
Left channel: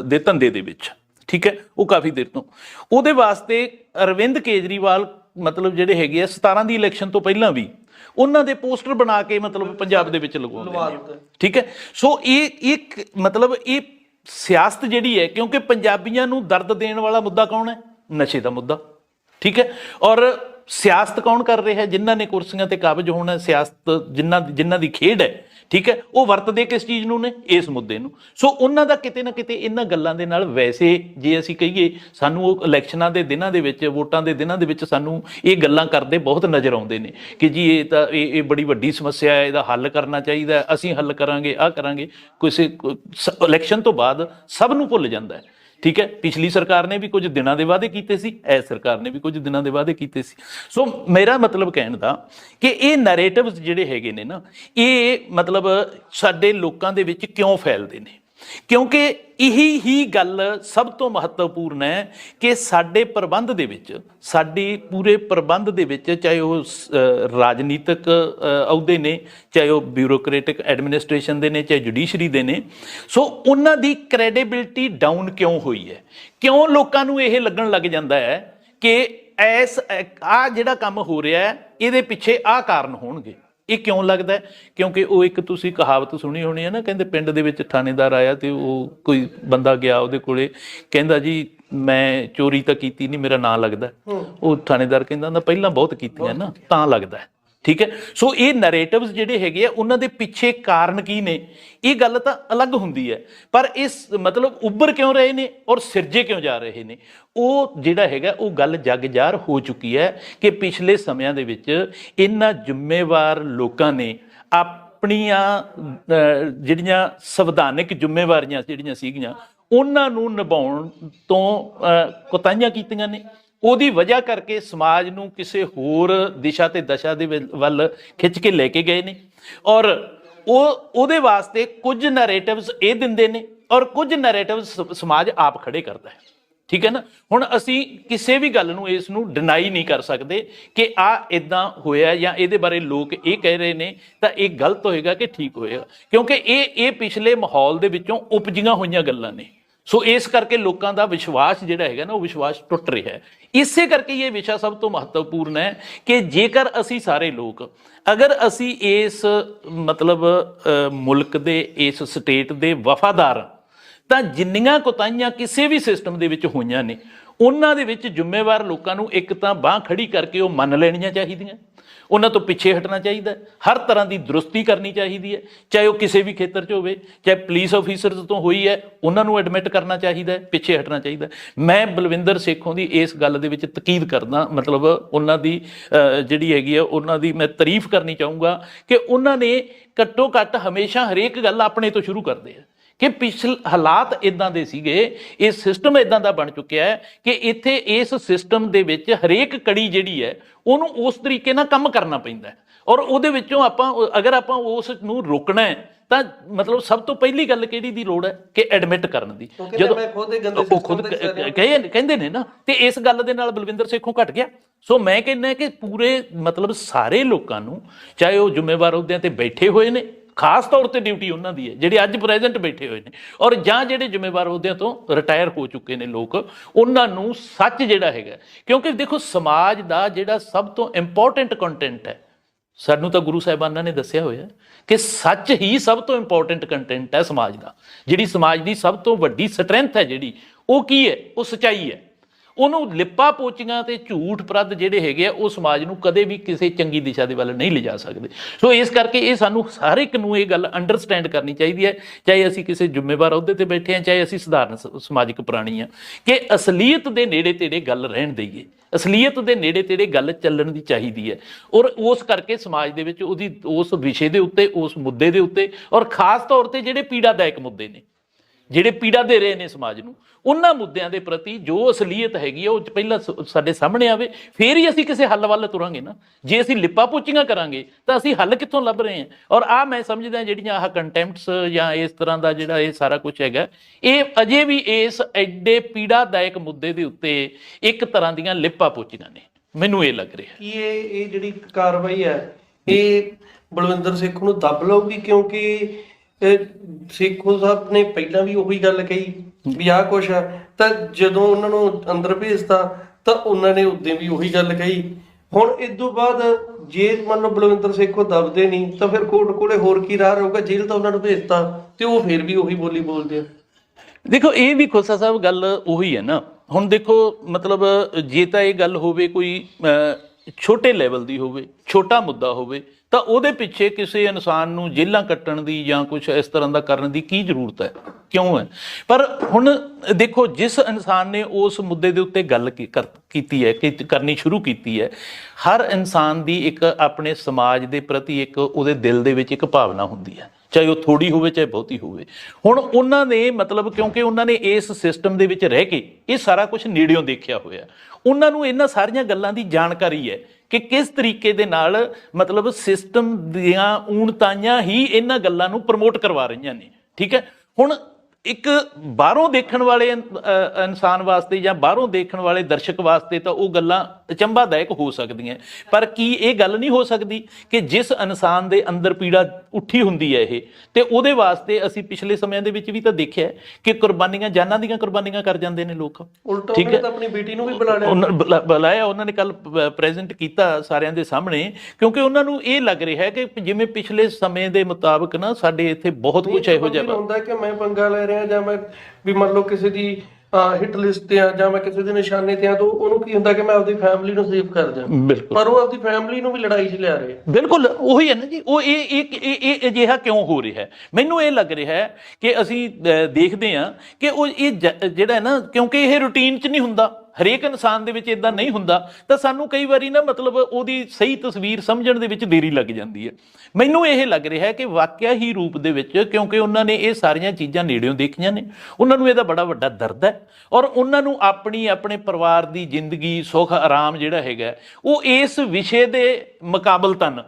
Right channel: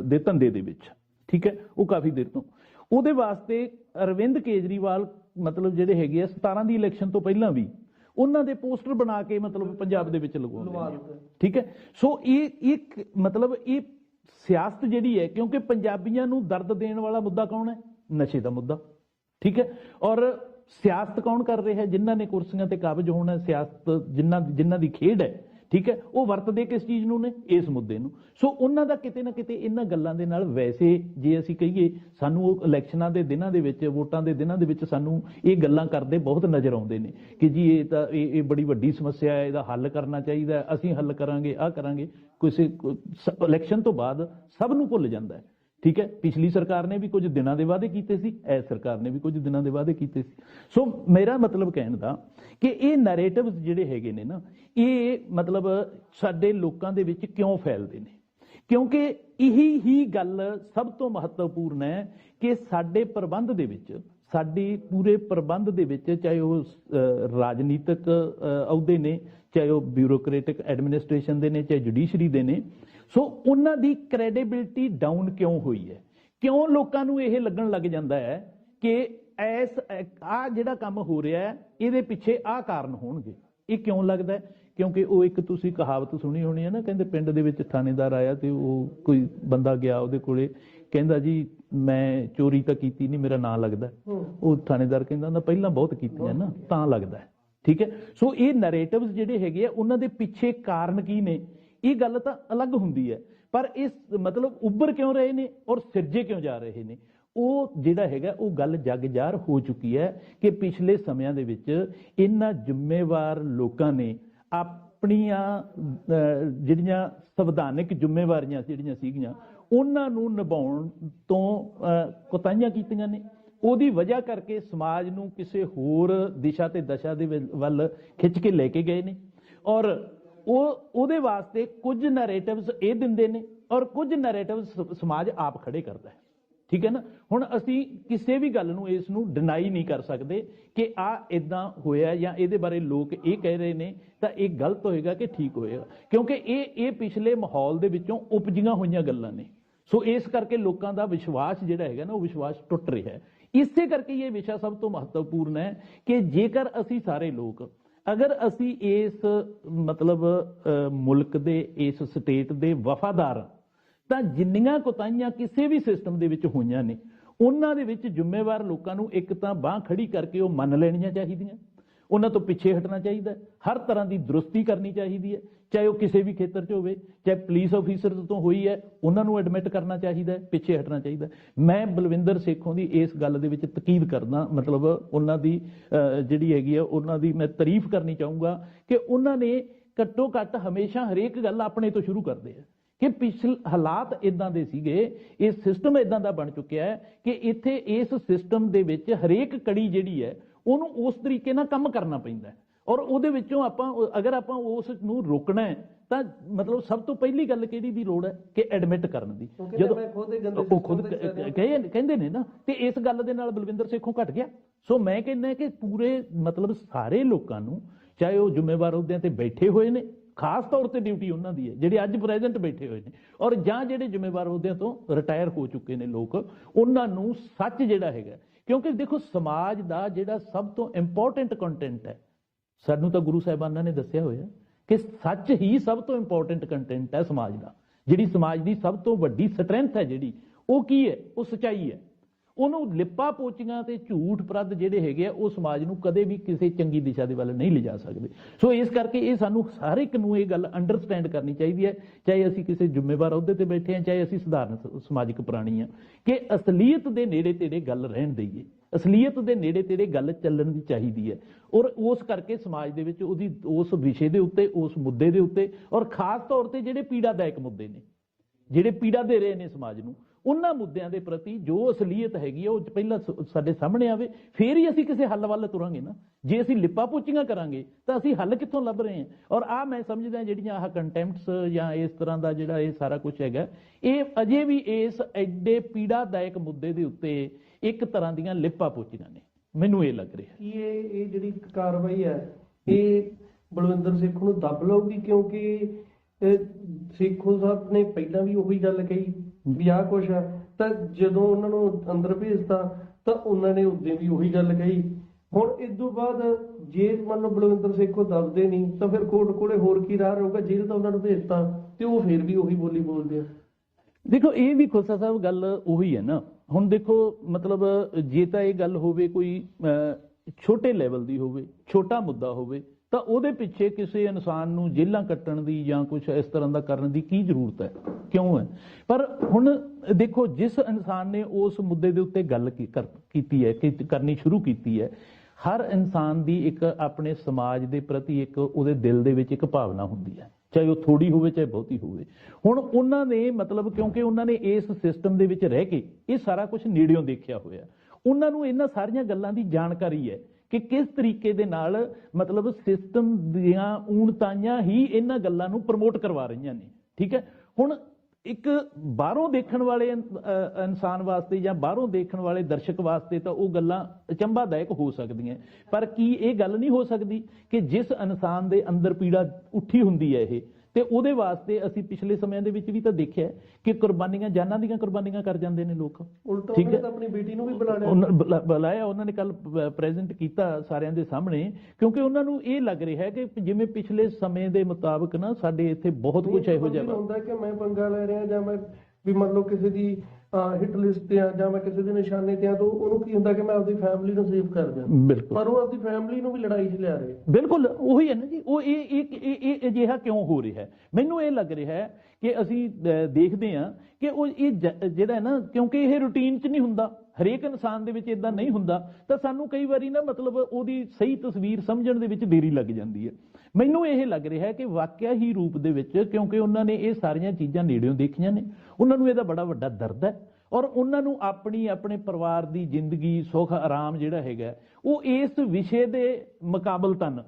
ਦੇ ਧੰਦੇ ਦੇ ਵਿੱਚ। ਠੀਕ ਹੈ, ਉਹ ਕਾਫੀ ਦੇਰ ਤੋਂ ਉਹਦੇ ਵਾਸਤੇ ਅਰਵਿੰਦ ਕੇਜਰੀਵਾਲ ਮਤਲਬ ਜਿਹੜੇ ਹੈਗੇ ਆ 17 ਦੀ ਇਲੈਕਸ਼ਨ ਤੋਂ ਪਹਿਲਾਂ ਵੀ ਉਹਨਾਂ ਦੇ ਪੋਸਟਰ ਬਣਾ ਕੇ ਮਤਲਬ ਪੰਜਾਬ ਦੇ ਵਿੱਚ ਲਗਵਾਉਂਦੇ ਨੇ। ਠੀਕ ਹੈ, ਸੋ ਇਹ ਇੱਕ ਮਤਲਬ ਇਹ ਸਿਆਸਤ ਜਿਹੜੀ ਹੈ, ਕਿਉਂਕਿ ਪੰਜਾਬੀਆਂ ਨੂੰ ਦਰਦ ਦੇਣ ਵਾਲਾ ਮੁੱਦਾ ਕੌਣ ਹੈ? ਨਸ਼ੇ ਦਾ ਮੁੱਦਾ, ਠੀਕ ਹੈ। ਔਰ ਸਿਆਸਤ ਕੌਣ ਕਰ ਰਿਹਾ? ਜਿਨ੍ਹਾਂ ਨੇ ਕੁਰਸੀਆਂ ਤੇ ਕਾਬਜ ਹੋਣਾ, ਸਿਆਸਤ ਜਿਨ੍ਹਾਂ ਦੀ ਖੇਡ ਹੈ, ਠੀਕ ਹੈ, ਉਹ ਵਰਤਦੇ ਕਿਸ ਚੀਜ਼ ਨੂੰ ਨੇ? ਇਸ ਮੁੱਦੇ ਨੂੰ। ਸੋ ਉਹਨਾਂ ਦਾ ਕਿਤੇ ਨਾ ਕਿਤੇ ਇਹਨਾਂ ਗੱਲਾਂ ਦੇ ਨਾਲ, ਵੈਸੇ ਜੇ ਅਸੀਂ ਕਹੀਏ, ਸਾਨੂੰ ਉਹ ਇਲੈਕਸ਼ਨਾਂ ਦੇ ਦਿਨਾਂ ਦੇ ਵਿੱਚ, ਵੋਟਾਂ ਦੇ ਦਿਨਾਂ ਦੇ ਵਿੱਚ ਸਾਨੂੰ ਇਹ ਗੱਲਾਂ ਕਰਦੇ ਬਹੁਤ ਨਜ਼ਰ ਆਉਂਦੇ ਨੇ ਕਿ ਜੀ ਇਹ ਤਾਂ ਇਹ ਬੜੀ ਵੱਡੀ ਸਮੱਸਿਆ ਹੈ, ਇਹਦਾ ਹੱਲ ਕਰਨਾ ਚਾਹੀਦਾ, ਅਸੀਂ ਹੱਲ ਕਰਾਂਗੇ, ਆਹ ਕਰਾਂਗੇ। ਕਿਸੇ ਇਲੈਕਸ਼ਨ ਤੋਂ ਬਾਅਦ ਸਭ ਨੂੰ ਭੁੱਲ ਜਾਂਦਾ ਹੈ, ਠੀਕ ਹੈ। ਪਿਛਲੀ ਸਰਕਾਰ ਨੇ ਵੀ ਕੁਝ ਦਿਨਾਂ ਦੇ ਵਾਅਦੇ ਕੀਤੇ ਸੀ, ਇਸ ਸਰਕਾਰ ਨੇ ਵੀ ਕੁਝ ਦਿਨਾਂ ਦੇ ਵਾਅਦੇ ਕੀਤੇ ਸੀ। ਸੋ ਮੇਰਾ ਮਤਲਬ ਕਹਿਣ ਦਾ ਕਿ ਇਹ ਨੈਰੇਟਿਵਸ ਜਿਹੜੇ ਹੈਗੇ ਨੇ ਨਾ, ਇਹ ਮਤਲਬ ਸਾਡੇ ਲੋਕਾਂ ਦੇ ਵਿੱਚ ਕਿਉਂ ਫੈਲਦੇ ਨੇ? ਕਿਉਂਕਿ ਇਹੀ ਹੀ ਗੱਲ ਸਭ ਤੋਂ ਮਹੱਤਵਪੂਰਨ ਹੈ ਕਿ ਸਾਡੇ ਪ੍ਰਬੰਧ ਦੇ ਵਿੱਚ, ਸਾਡੀ ਪੂਰੇ ਪ੍ਰਬੰਧ ਦੇ ਵਿੱਚ, ਚਾਹੇ ਉਹ ਰਾਜਨੀਤਿਕ ਅਹੁਦੇ ਨੇ, ਚਾਹੇ ਉਹ ਬਿਊਰੋਕਰੇਟਿਕ ਐਡਮਿਨਿਸਟ੍ਰੇਸ਼ਨ ਦੇ ਨੇ, ਚਾਹੇ ਜੁਡੀਸ਼ਰੀ ਦੇ ਨੇ, ਸੋ ਉਹਨਾਂ ਦੀ ਕ੍ਰੈਡੀਬਿਲਿਟੀ ਡਾਊਨ ਕਿਉਂ ਹੋਈ ਹੈ? ਕਿਉਂ ਲੋਕਾਂ ਨੂੰ ਇਹ ਲੱਗਣ ਲੱਗ ਜਾਂਦਾ ਹੈ ਕਿ ਆਹ ਜਿਹੜਾ ਕੰਮ ਹੋ ਰਿਹਾ ਹੈ, ਇਹਦੇ ਪਿੱਛੇ ਆਹ ਕਾਰਨ ਹੋਣਗੇ? ਇਹ ਕਿਉਂ ਲੱਗਦਾ? ਕਿਉਂਕਿ ਉਹ ਇੱਕ ਤੁਸੀਂ ਕਹਾਵਤ ਸੁਣੀ ਹੋਣੀ ਹੈ ਨਾ, ਕਹਿੰਦੇ ਪਿੰਡ ਦੇ ਵਿੱਚ ਥਾਣੇਦਾਰ ਆਇਆ ਤੇ ਉਹ ਕੋਈ ਬੰਦਾ ਗਿਆ ਉਹਦੇ ਕੋਲੇ, ਕਹਿੰਦਾ ਜੀ ਮੈਂ ਚੋਰੀ ਤਾਂ ਕੀਤੀ ਨਹੀਂ, ਮੇਰਾ ਨਾਂ ਲੱਗਦਾ। ਉਹ ਥਾਣੇਦਾਰ ਕਹਿੰਦਾ ਹੁੰਦਾ ਪਹਿਲਾਂ ਬਹੁਤ ਕੀਤੀਆਂ ਨਾ, ਤਾਂ ਲੱਗਦਾ, ਠੀਕ ਹੈ। ਸੋ ਇਹ ਨੈਰੇਟਿਵਸ ਜਿਹੜੇ ਹੈਗੇ ਆ, ਉਹਨਾਂ ਦੇ ਪਿੱਛੇ ਕਾਰਨ ਕੀ ਨੇ, ਇਹ ਗੱਲ ਤਾਂ ਅਲੱਗ ਹੁੰਦੀ ਹੈ, ਪਰ ਇਸ ਮਤਲਬ ਉੱਭਰ ਕਿਉਂ ਰਹੇ ਨੇ ਔਰ ਸਿਰਜੇ ਕਿਉਂ ਜਾ ਰਹੇ ਨੇ, ਉਹ ਜਿਹੜਾ ਹੈਗਾ ਉਹ ਗੱਲ ਜੱਗ ਜ਼ਾਹਰ ਹੋ ਚੁੱਕੀ ਹੈ ਕਿ ਪਿਛਲੇ ਸਮਿਆਂ ਦੇ ਵਿੱਚ ਇਹਨਾਂ ਜ਼ਿੰਮੇਵਾਰ ਲੋਕਾਂ ਨੇ ਆਪਣੀਆਂ ਜਿਹੜੀਆਂ ਸੰਵਿਧਾਨਿਕ ਜ਼ਿੰਮੇਵਾਰੀਆਂ ਜਿਹੜੀਆਂ ਸੀਗੀਆਂ, ਉਹਨਾਂ ਨੂੰ ਨਿਭਾਉਣ ਤੋਂ ਕੁਤਾਹੀਆਂ ਕੀਤੀਆਂ ਨੇ। ਉਹਦੀ ਵਜ੍ਹਾ ਕਰਕੇ ਸਮਾਜ ਨੂੰ ਕਿਸੇ ਹੋਰ ਦਿਸ਼ਾ ਤੇ ਦਸ਼ਾ ਦੇ ਵੱਲ ਖਿੱਚ ਕੇ ਲੈ ਕੇ ਗਏ ਨੇ, ਔਰ ਉਹਦੇ ਵਾਸਤੇ ਕੁਝ ਨੈਰੇਟਿਵਸ ਇਹ ਦਿੰਦੇ ਨੇ ਔਰ ਕੁਝ ਨੈਰੇਟਿਵਸ ਸਮਾਜ ਆਪ ਖੜੇ ਕਰਦਾ ਹੈ, ਠੀਕ ਹੈ ਨਾ। ਹੁਣ ਅਸੀਂ ਕਿਸੇ ਵੀ ਗੱਲ ਨੂੰ, ਇਸ ਨੂੰ ਡਿਨਾਈ ਨਹੀਂ ਕਰ ਸਕਦੇ ਕਿ ਆਹ ਇਦਾਂ ਹੋਇਆ ਜਾਂ ਇਹਦੇ ਬਾਰੇ ਲੋਕ ਇਹ ਕਹਿ ਰਹੇ ਨੇ ਤਾਂ ਇਹ ਗਲਤ ਹੋਏਗਾ ਕਿ ਠੀਕ ਹੋਏਗਾ, ਕਿਉਂਕਿ ਇਹ ਪਿਛਲੇ ਮਾਹੌਲ ਦੇ ਵਿੱਚੋਂ ਉਪਜੀਆਂ ਹੋਈਆਂ ਗੱਲਾਂ ਨੇ। ਸੋ ਇਸ ਕਰਕੇ ਲੋਕਾਂ ਦਾ ਵਿਸ਼ਵਾਸ ਜਿਹੜਾ ਹੈਗਾ ਨਾ, ਉਹ ਵਿਸ਼ਵਾਸ ਟੁੱਟ ਰਿਹਾ ਹੈ। ਇਸੇ ਕਰਕੇ ਇਹ ਵਿਸ਼ਾ ਸਭ ਤੋਂ ਮਹੱਤਵਪੂਰਨ ਹੈ ਕਿ ਜੇਕਰ ਅਸੀਂ ਸਾਰੇ ਲੋਕ, ਅਗਰ ਅਸੀਂ ਇਸ ਮਤਲਬ ਮੁਲਕ ਦੇ, ਇਸ ਸਟੇਟ ਦੇ ਵਫਾਦਾਰ, ਤਾਂ ਜਿੰਨੀਆਂ ਕੁਤਾਹੀਆਂ ਕਿਸੇ ਵੀ ਸਿਸਟਮ ਦੇ ਵਿੱਚ ਹੋਈਆਂ ਨੇ, ਉਹਨਾਂ ਦੇ ਵਿੱਚ ਜ਼ਿੰਮੇਵਾਰ ਲੋਕਾਂ ਨੂੰ ਇੱਕ ਤਾਂ ਬਾਂਹ ਖੜੀ ਕਰਕੇ ਉਹ ਮੰਨ ਲੈਣੀਆਂ ਚਾਹੀਦੀਆਂ, ਉਹਨਾਂ ਤੋਂ ਪਿੱਛੇ ਹਟਣਾ ਚਾਹੀਦਾ, ਹਰ ਤਰ੍ਹਾਂ ਦੀ ਦਰੁਸਤੀ ਕਰਨੀ ਚਾਹੀਦੀ ਹੈ, ਚਾਹੇ ਉਹ ਕਿਸੇ ਵੀ ਖੇਤਰ 'ਚ ਹੋਵੇ, ਚਾਹੇ ਪੁਲਿਸ ਆਫੀਸਰਸ ਤੋਂ ਹੋਈ ਹੈ ਉਹਨਾਂ ਨੂੰ ਐਡਮਿਟ ਕਰਨਾ ਚਾਹੀਦਾ, ਪਿੱਛੇ ਹਟਣਾ ਚਾਹੀਦਾ। ਮੈਂ ਬਲਵਿੰਦਰ ਸੇਖੋਂ ਦੀ ਇਸ ਗੱਲ ਦੇ ਵਿੱਚ ਤਕੀਦ ਕਰਦਾ, ਮਤਲਬ ਉਹਨਾਂ ਦੀ ਜਿਹੜੀ ਹੈਗੀ ਆ, ਉਹਨਾਂ ਦੀ ਮੈਂ ਤਾਰੀਫ ਕਰਨੀ ਚਾਹੂੰਗਾ ਕਿ ਉਹਨਾਂ ਨੇ ਘੱਟੋ ਘੱਟ ਹਮੇਸ਼ਾ ਹਰੇਕ ਗੱਲ ਆਪਣੇ ਤੋਂ ਸ਼ੁਰੂ ਕਰਦੇ ਆ ਕਿ ਪਿਛਲੇ ਹਾਲਾਤ ਇਦਾਂ ਦੇ ਸੀਗੇ, ਇਹ ਸਿਸਟਮ ਇਦਾਂ ਦਾ ਬਣ ਚੁੱਕਿਆ ਹੈ ਕਿ ਇੱਥੇ ਇਸ ਸਿਸਟਮ ਦੇ ਵਿੱਚ ਹਰੇਕ ਕੜੀ ਜਿਹੜੀ ਹੈ ਉਹਨੂੰ ਉਸ ਤਰੀਕੇ ਨਾਲ ਕੰਮ ਕਰਨਾ ਪੈਂਦਾ ਹੈ, ਔਰ ਉਹਦੇ ਵਿੱਚੋਂ ਅਗਰ ਆਪਾਂ ਉਸ ਨੂੰ ਰੋਕਣਾ ਹੈ ਤਾਂ ਮਤਲਬ ਸਭ ਤੋਂ ਪਹਿਲੀ ਗੱਲ ਕਿਹੜੀ ਦੀ ਲੋੜ ਹੈ ਕਿ ਐਡਮਿਟ ਕਰਨ ਦੀ। ਜਦੋਂ ਉਹ ਖੁਦ ਕਹਿੰਦੇ ਨੇ ਨਾ, ਤੇ ਇਸ ਗੱਲ ਦੇ ਨਾਲ ਬਲਵਿੰਦਰ ਸੇਖੋਂ ਘਟ ਗਿਆ। ਸੋ ਮੈਂ ਕਹਿੰਦਾ ਕਿ ਪੂਰੇ ਮਤਲਬ ਸਾਰੇ ਲੋਕਾਂ ਨੂੰ, ਚਾਹੇ ਉਹ ਜ਼ਿੰਮੇਵਾਰ ਅਹੁਦਿਆਂ ਤੇ ਬੈਠੇ ਹੋਏ ਨੇ, ਖਾਸ ਤੌਰ ਤੇ ਡਿਊਟੀ ਉਹਨਾਂ ਦੀ ਹੈ ਜਿਹੜੇ ਅੱਜ ਪ੍ਰੈਜ਼ੈਂਟ ਬੈਠੇ ਹੋਏ ਨੇ, ਔਰ ਜਾਂ ਜਿਹੜੇ ਜ਼ਿੰਮੇਵਾਰ ਅਹੁਦਿਆਂ ਤੋਂ ਰਿਟਾਇਰ ਹੋ ਚੁੱਕੇ ਨੇ ਲੋਕ, ਉਹਨਾਂ ਨੂੰ ਸੱਚ ਜਿਹੜਾ ਹੈਗਾ, ਕਿਉਂਕਿ ਦੇਖੋ ਸਮਾਜ ਦਾ ਜਿਹੜਾ ਸਭ ਤੋਂ ਇੰਪੋਰਟੈਂਟ ਕੰਟੈਂਟ ਹੈ, ਸਾਨੂੰ ਤਾਂ ਗੁਰੂ ਸਾਹਿਬਾਨਾਂ ਨੇ ਦੱਸਿਆ ਹੋਇਆ ਕਿ ਸੱਚ ਹੀ ਸਭ ਤੋਂ ਇੰਪੋਰਟੈਂਟ ਕੰਟੈਂਟ ਹੈ ਸਮਾਜ ਦਾ। ਜਿਹੜੀ ਸਮਾਜ ਦੀ ਸਭ ਤੋਂ ਵੱਡੀ ਸਟਰੈਂਥ ਹੈ ਜਿਹੜੀ, ਉਹ ਕੀ ਹੈ? ਉਹ ਸੱਚਾਈ ਹੈ। ਉਹਨੂੰ ਲਿਪਾ ਪੋਚੀਆਂ ਤੇ ਝੂਠ ਪ੍ਰਦ ਜਿਹੜੇ ਹੈਗੇ ਆ, ਉਹ ਸਮਾਜ ਨੂੰ ਕਦੇ ਵੀ ਕਿਸੇ ਚੰਗੀ ਦਿਸ਼ਾ ਦੇ ਵੱਲ ਨਹੀਂ ਲਿਜਾ ਸਕਦੇ। ਸੋ ਇਸ ਕਰਕੇ ਇਹ ਸਾਨੂੰ ਹਰ ਇੱਕ ਨੂੰ ਇਹ ਗੱਲ ਅੰਡਰਸਟੈਂਡ ਕਰਨੀ ਚਾਹੀਦੀ ਹੈ, ਚਾਹੇ ਅਸੀਂ ਕਿਸੇ ਜ਼ਿੰਮੇਵਾਰ ਅਹੁਦੇ ਤੇ ਬੈਠੇ ਹਾਂ, ਚਾਹੇ ਅਸੀਂ ਸਧਾਰਨ ਸਮਾਜਿਕ ਪ੍ਰਾਣੀ ਹਾਂ, ਕਿ ਅਸਲੀਅਤ ਦੇ ਨੇੜੇ ਤੇੜੇ ਗੱਲ ਰਹਿਣ ਦੇਈਏ, ਅਸਲੀਅਤ ਦੇ ਨੇੜੇ ਤੇੜੇ ਗੱਲ ਚੱਲਣ ਦੀ ਚਾਹੀਦੀ ਹੈ। ਔਰ ਉਸ ਕਰਕੇ ਸਮਾਜ ਦੇ ਵਿੱਚ ਉਹਦੀ ਉਸ ਵਿਸ਼ੇ ਦੇ ਉੱਤੇ, ਉਸ ਮੁੱਦੇ ਦੇ ਉੱਤੇ, ਔਰ ਖਾਸ ਤੌਰ ਤੇ ਜਿਹੜੇ ਪੀੜਾਦਾਇਕ ਮੁੱਦੇ ਨੇ, ਜਿਹੜੇ ਪੀੜਾ ਦੇ ਰਹੇ ਨੇ ਸਮਾਜ ਨੂੰ, ਉਹਨਾਂ ਮੁੱਦਿਆਂ ਦੇ ਪ੍ਰਤੀ ਜੋ ਅਸਲੀਅਤ ਹੈਗੀ ਆ ਉਹ ਪਹਿਲਾਂ ਸਾਡੇ ਸਾਹਮਣੇ ਆਵੇ, ਫੇਰ ਹੀ ਅਸੀਂ ਕਿਸੇ ਹੱਲ ਵੱਲ ਤੁਰਾਂਗੇ ਨਾ। ਜੇ ਅਸੀਂ ਲਿਪਾ ਪੋਚੀਆਂ ਕਰਾਂਗੇ ਤਾਂ ਅਸੀਂ ਹੱਲ ਕਿੱਥੋਂ ਲੱਭ ਰਹੇ ਹਾਂ? ਔਰ ਮੈਂ ਸਮਝਦਾ ਜਿਹੜੀਆਂ ਆਹ ਕੰਟੈਂਪਟਸ ਜਾਂ ਇਸ ਤਰ੍ਹਾਂ ਦਾ ਜਿਹੜਾ ਇਹ ਸਾਰਾ ਕੁਝ ਹੈਗਾ, ਇਹ ਅਜੇ ਵੀ ਇਸ ਐਡੇ ਪੀੜਾਦਾਇਕ ਮੁੱਦੇ ਦੇ ਉੱਤੇ ਇੱਕ ਤਰ੍ਹਾਂ ਦੀਆਂ ਲਿਪਾ ਪੋਚੀਆਂ ਨੇ, ਮੈਨੂੰ ਇਹ ਲੱਗ ਰਿਹਾ। ਕਿ ਇਹ ਜਿਹੜੀ ਕਾਰਵਾਈ ਹੈ ਇਹ ਬਲਵਿੰਦਰ ਸੇਖੋਂ ਨੂੰ ਦੱਬ ਲਊਗੀ, ਕਿਉਂਕਿ ਸੇਖੋਂ ਸਾਹਿਬ ਨੇ ਪਹਿਲਾਂ ਵੀ ਉਹੀ ਗੱਲ ਕਹੀ ਵੀ ਆਹ ਕੁਛ ਆ, ਤਾਂ ਜਦੋਂ ਉਹਨਾਂ ਨੂੰ ਅੰਦਰ ਭੇਜਤਾ ਤਾਂ ਉਹਨਾਂ ਨੇ ਉਦੋਂ ਵੀ ਉਹੀ ਗੱਲ ਕਹੀ। ਹੁਣ ਇਸ ਤੋਂ ਬਾਅਦ ਜੇ ਮੰਨ ਲਓ ਬਲਵਿੰਦਰ ਸੇਖੋਂ ਦੱਬਦੇ ਨਹੀਂ ਤਾਂ ਫਿਰ ਕੋਰਟ ਕੋਲੇ ਹੋਰ ਕੀ ਰਾਹ ਰਹੂਗਾ? ਜੇਲ੍ਹ ਤਾਂ ਉਹਨਾਂ ਨੂੰ ਭੇਜਤਾ ਤੇ ਉਹ ਫਿਰ ਵੀ ਉਹੀ ਬੋਲੀ ਬੋਲਦੇ ਆ। ਦੇਖੋ ਇਹ ਵੀ ਖੋਸਾ ਸਾਹਿਬ ਗੱਲ ਉਹੀ ਹੈ ਨਾ, ਹੁਣ ਦੇਖੋ ਮਤਲਬ ਜੇ ਤਾਂ ਇਹ ਗੱਲ ਹੋਵੇ ਕੋਈ ਛੋਟੇ ਲੈਵਲ ਦੀ ਹੋਵੇ, ਛੋਟਾ ਮੁੱਦਾ ਹੋਵੇ, ਤਾਂ ਉਹਦੇ ਪਿੱਛੇ ਕਿਸੇ ਇਨਸਾਨ ਨੂੰ ਜੇਲ੍ਹਾਂ ਕੱਟਣ ਦੀ ਜਾਂ ਕੁਝ ਇਸ ਤਰ੍ਹਾਂ ਦਾ ਕਰਨ ਦੀ ਕੀ ਜ਼ਰੂਰਤ ਹੈ, ਕਿਉਂ ਹੈ? ਪਰ ਹੁਣ ਦੇਖੋ ਜਿਸ ਇਨਸਾਨ ਨੇ ਉਸ ਮੁੱਦੇ ਦੇ ਉੱਤੇ ਗੱਲ ਕੀਤੀ ਹੈ, ਕਰਨੀ ਸ਼ੁਰੂ ਕੀਤੀ ਹੈ, ਹਰ ਇਨਸਾਨ ਦੀ ਇੱਕ ਆਪਣੇ ਸਮਾਜ ਦੇ ਪ੍ਰਤੀ ਇੱਕ ਉਹਦੇ ਦਿਲ ਦੇ ਵਿੱਚ ਇੱਕ ਭਾਵਨਾ ਹੁੰਦੀ ਹੈ, ਚਾਹੇ ਉਹ ਥੋੜੀ ਹੋਵੇ ਚਾਹੇ ਬਹੁਤੀ ਹੋਵੇ। ਹੁਣ ਉਹਨਾਂ ਨੇ ਮਤਲਬ ਕਿਉਂਕਿ ਉਹਨਾਂ ਨੇ ਇਸ ਸਿਸਟਮ ਦੇ ਵਿੱਚ ਰਹਿ ਕੇ ਇਹ ਸਾਰਾ ਕੁਝ ਨੇੜਿਓਂ ਦੇਖਿਆ ਹੋਇਆ, ਉਹਨਾਂ ਨੂੰ ਇਹਨਾਂ ਸਾਰੀਆਂ ਗੱਲਾਂ ਦੀ ਜਾਣਕਾਰੀ ਹੈ ਕਿ ਕਿਸ ਤਰੀਕੇ ਦੇ ਨਾਲ ਮਤਲਬ ਸਿਸਟਮ ਦੀਆਂ ਊਣਤਾਈਆਂ ਹੀ ਇਹਨਾਂ ਗੱਲਾਂ ਨੂੰ ਪ੍ਰਮੋਟ ਕਰਵਾ ਰਹੀਆਂ ਨੇ। ਠੀਕ ਹੈ, ਹੁਣ ਇੱਕ ਬਾਹਰੋਂ ਦੇਖਣ ਵਾਲੇ ਇਨਸਾਨ ਵਾਸਤੇ ਜਾਂ ਬਾਹਰੋਂ ਦੇਖਣ ਵਾਲੇ ਦਰਸ਼ਕ ਵਾਸਤੇ ਤਾਂ ਉਹ ਗੱਲਾਂ ਅਚੰਭਾਦਾਇਕ ਹੋ ਸਕਦੀਆਂ, ਪਰ ਕੀ ਇਹ ਗੱਲ ਨਹੀਂ ਹੋ ਸਕਦੀ ਕਿ ਜਿਸ ਇਨਸਾਨ ਦੇ ਅੰਦਰ ਪੀੜਾ ਉੱਠੀ ਹੁੰਦੀ ਹੈ ਇਹ, ਤੇ ਉਹਦੇ ਵਾਸਤੇ ਅਸੀਂ ਪਿਛਲੇ ਸਮਿਆਂ ਦੇ ਵਿੱਚ ਵੀ ਤਾਂ ਦੇਖਿਆ ਕਿ ਕੁਰਬਾਨੀਆਂ, ਜਾਨਾਂ ਦੀਆਂ ਕੁਰਬਾਨੀਆਂ ਕਰ ਜਾਂਦੇ ਨੇ ਲੋਕ। ਠੀਕ ਹੈ, ਆਪਣੀ ਬੇਟੀ ਨੂੰ ਵੀ ਬੁਲਾਇਆ ਉਹਨਾਂ ਨੇ, ਕੱਲ ਪ੍ਰੈਜ਼ੈਂਟ ਕੀਤਾ ਸਾਰਿਆਂ ਦੇ ਸਾਹਮਣੇ, ਕਿਉਂਕਿ ਉਹਨਾਂ ਨੂੰ ਇਹ ਲੱਗ ਰਿਹਾ ਹੈ ਕਿ ਜਿਵੇਂ ਪਿਛਲੇ ਸਮੇਂ ਦੇ ਮੁਤਾਬਕ ਨਾ ਸਾਡੇ ਇੱਥੇ ਬਹੁਤ ਕੁਝ ਇਹੋ ਜਿਹਾ ਹੁੰਦਾ ਕਿ ਮੈਂ ਪੰਗਾ ਲੈ ਰਿਹਾ ਜਾਂ ਮੈਂ ਵੀ ਮੰਨ ਲਓ ਕਿਸੇ ਦੀ ਹਿੱਟ ਲਿਸਟ ਤੇ ਆ ਜਾਂ ਮੈਂ ਕਿਸੇ ਦੇ ਨਿਸ਼ਾਨੇ ਤੇ ਆ, ਤਾਂ ਉਹਨੂੰ ਕੀ ਹੁੰਦਾ ਕਿ ਮੈਂ ਆਪਣੀ ਫੈਮਿਲੀ ਨੂੰ ਸੇਵ ਕਰ ਜਾਂ, ਪਰ ਉਹ ਆਪਣੀ ਫੈਮਿਲੀ ਨੂੰ ਵੀ ਲੜਾਈ 'ਚ ਲਿਆ ਰਹੇ। ਬਿਲਕੁਲ ਉਹੀ ਹੈ ਨਾ ਜੀ, ਉਹ ਇਹ ਅਜਿਹਾ ਕਿਉਂ ਹੋ ਰਿਹਾ ਹੈ? ਮੈਨੂੰ ਇਹ ਲੱਗ ਰਿਹਾ ਹੈ ਕਿ ਅਸੀਂ ਦੇਖਦੇ ਹਾਂ ਕਿ ਉਹ ਇਹ ਜਿਹੜਾ ਹੈ ਨਾ, ਕਿਉਂਕਿ ਇਹ ਰੂਟੀਨ 'ਚ ਨਹੀਂ ਹੁੰਦਾ, ਹਰੇਕ ਇਨਸਾਨ ਦੇ ਵਿੱਚ ਇਦਾਂ ਨਹੀਂ ਹੁੰਦਾ, ਤਾਂ ਸਾਨੂੰ ਕਈ ਵਾਰੀ ਨਾ ਮਤਲਬ ਉਹਦੀ ਸਹੀ ਤਸਵੀਰ ਸਮਝਣ ਦੇ ਵਿੱਚ ਦੇਰੀ ਲੱਗ ਜਾਂਦੀ ਹੈ। ਮੈਨੂੰ ਇਹ ਲੱਗ ਰਿਹਾ ਹੈ ਕਿ ਵਾਕਿਆ ਹੀ ਰੂਪ ਦੇ ਵਿੱਚ, ਕਿਉਂਕਿ ਉਹਨਾਂ ਨੇ ਇਹ ਸਾਰੀਆਂ ਚੀਜ਼ਾਂ ਨੇੜਿਓਂ ਦੇਖੀਆਂ ਨੇ, ਉਹਨਾਂ ਨੂੰ ਇਹਦਾ ਬੜਾ ਵੱਡਾ ਦਰਦ ਹੈ, ਔਰ ਉਹਨਾਂ ਨੂੰ ਆਪਣੇ ਪਰਿਵਾਰ ਦੀ ਜ਼ਿੰਦਗੀ, ਸੁੱਖ ਆਰਾਮ ਜਿਹੜਾ ਹੈਗਾ, ਉਹ ਇਸ ਵਿਸ਼ੇ ਦੇ ਮੁਕਾਬਲਤਨ,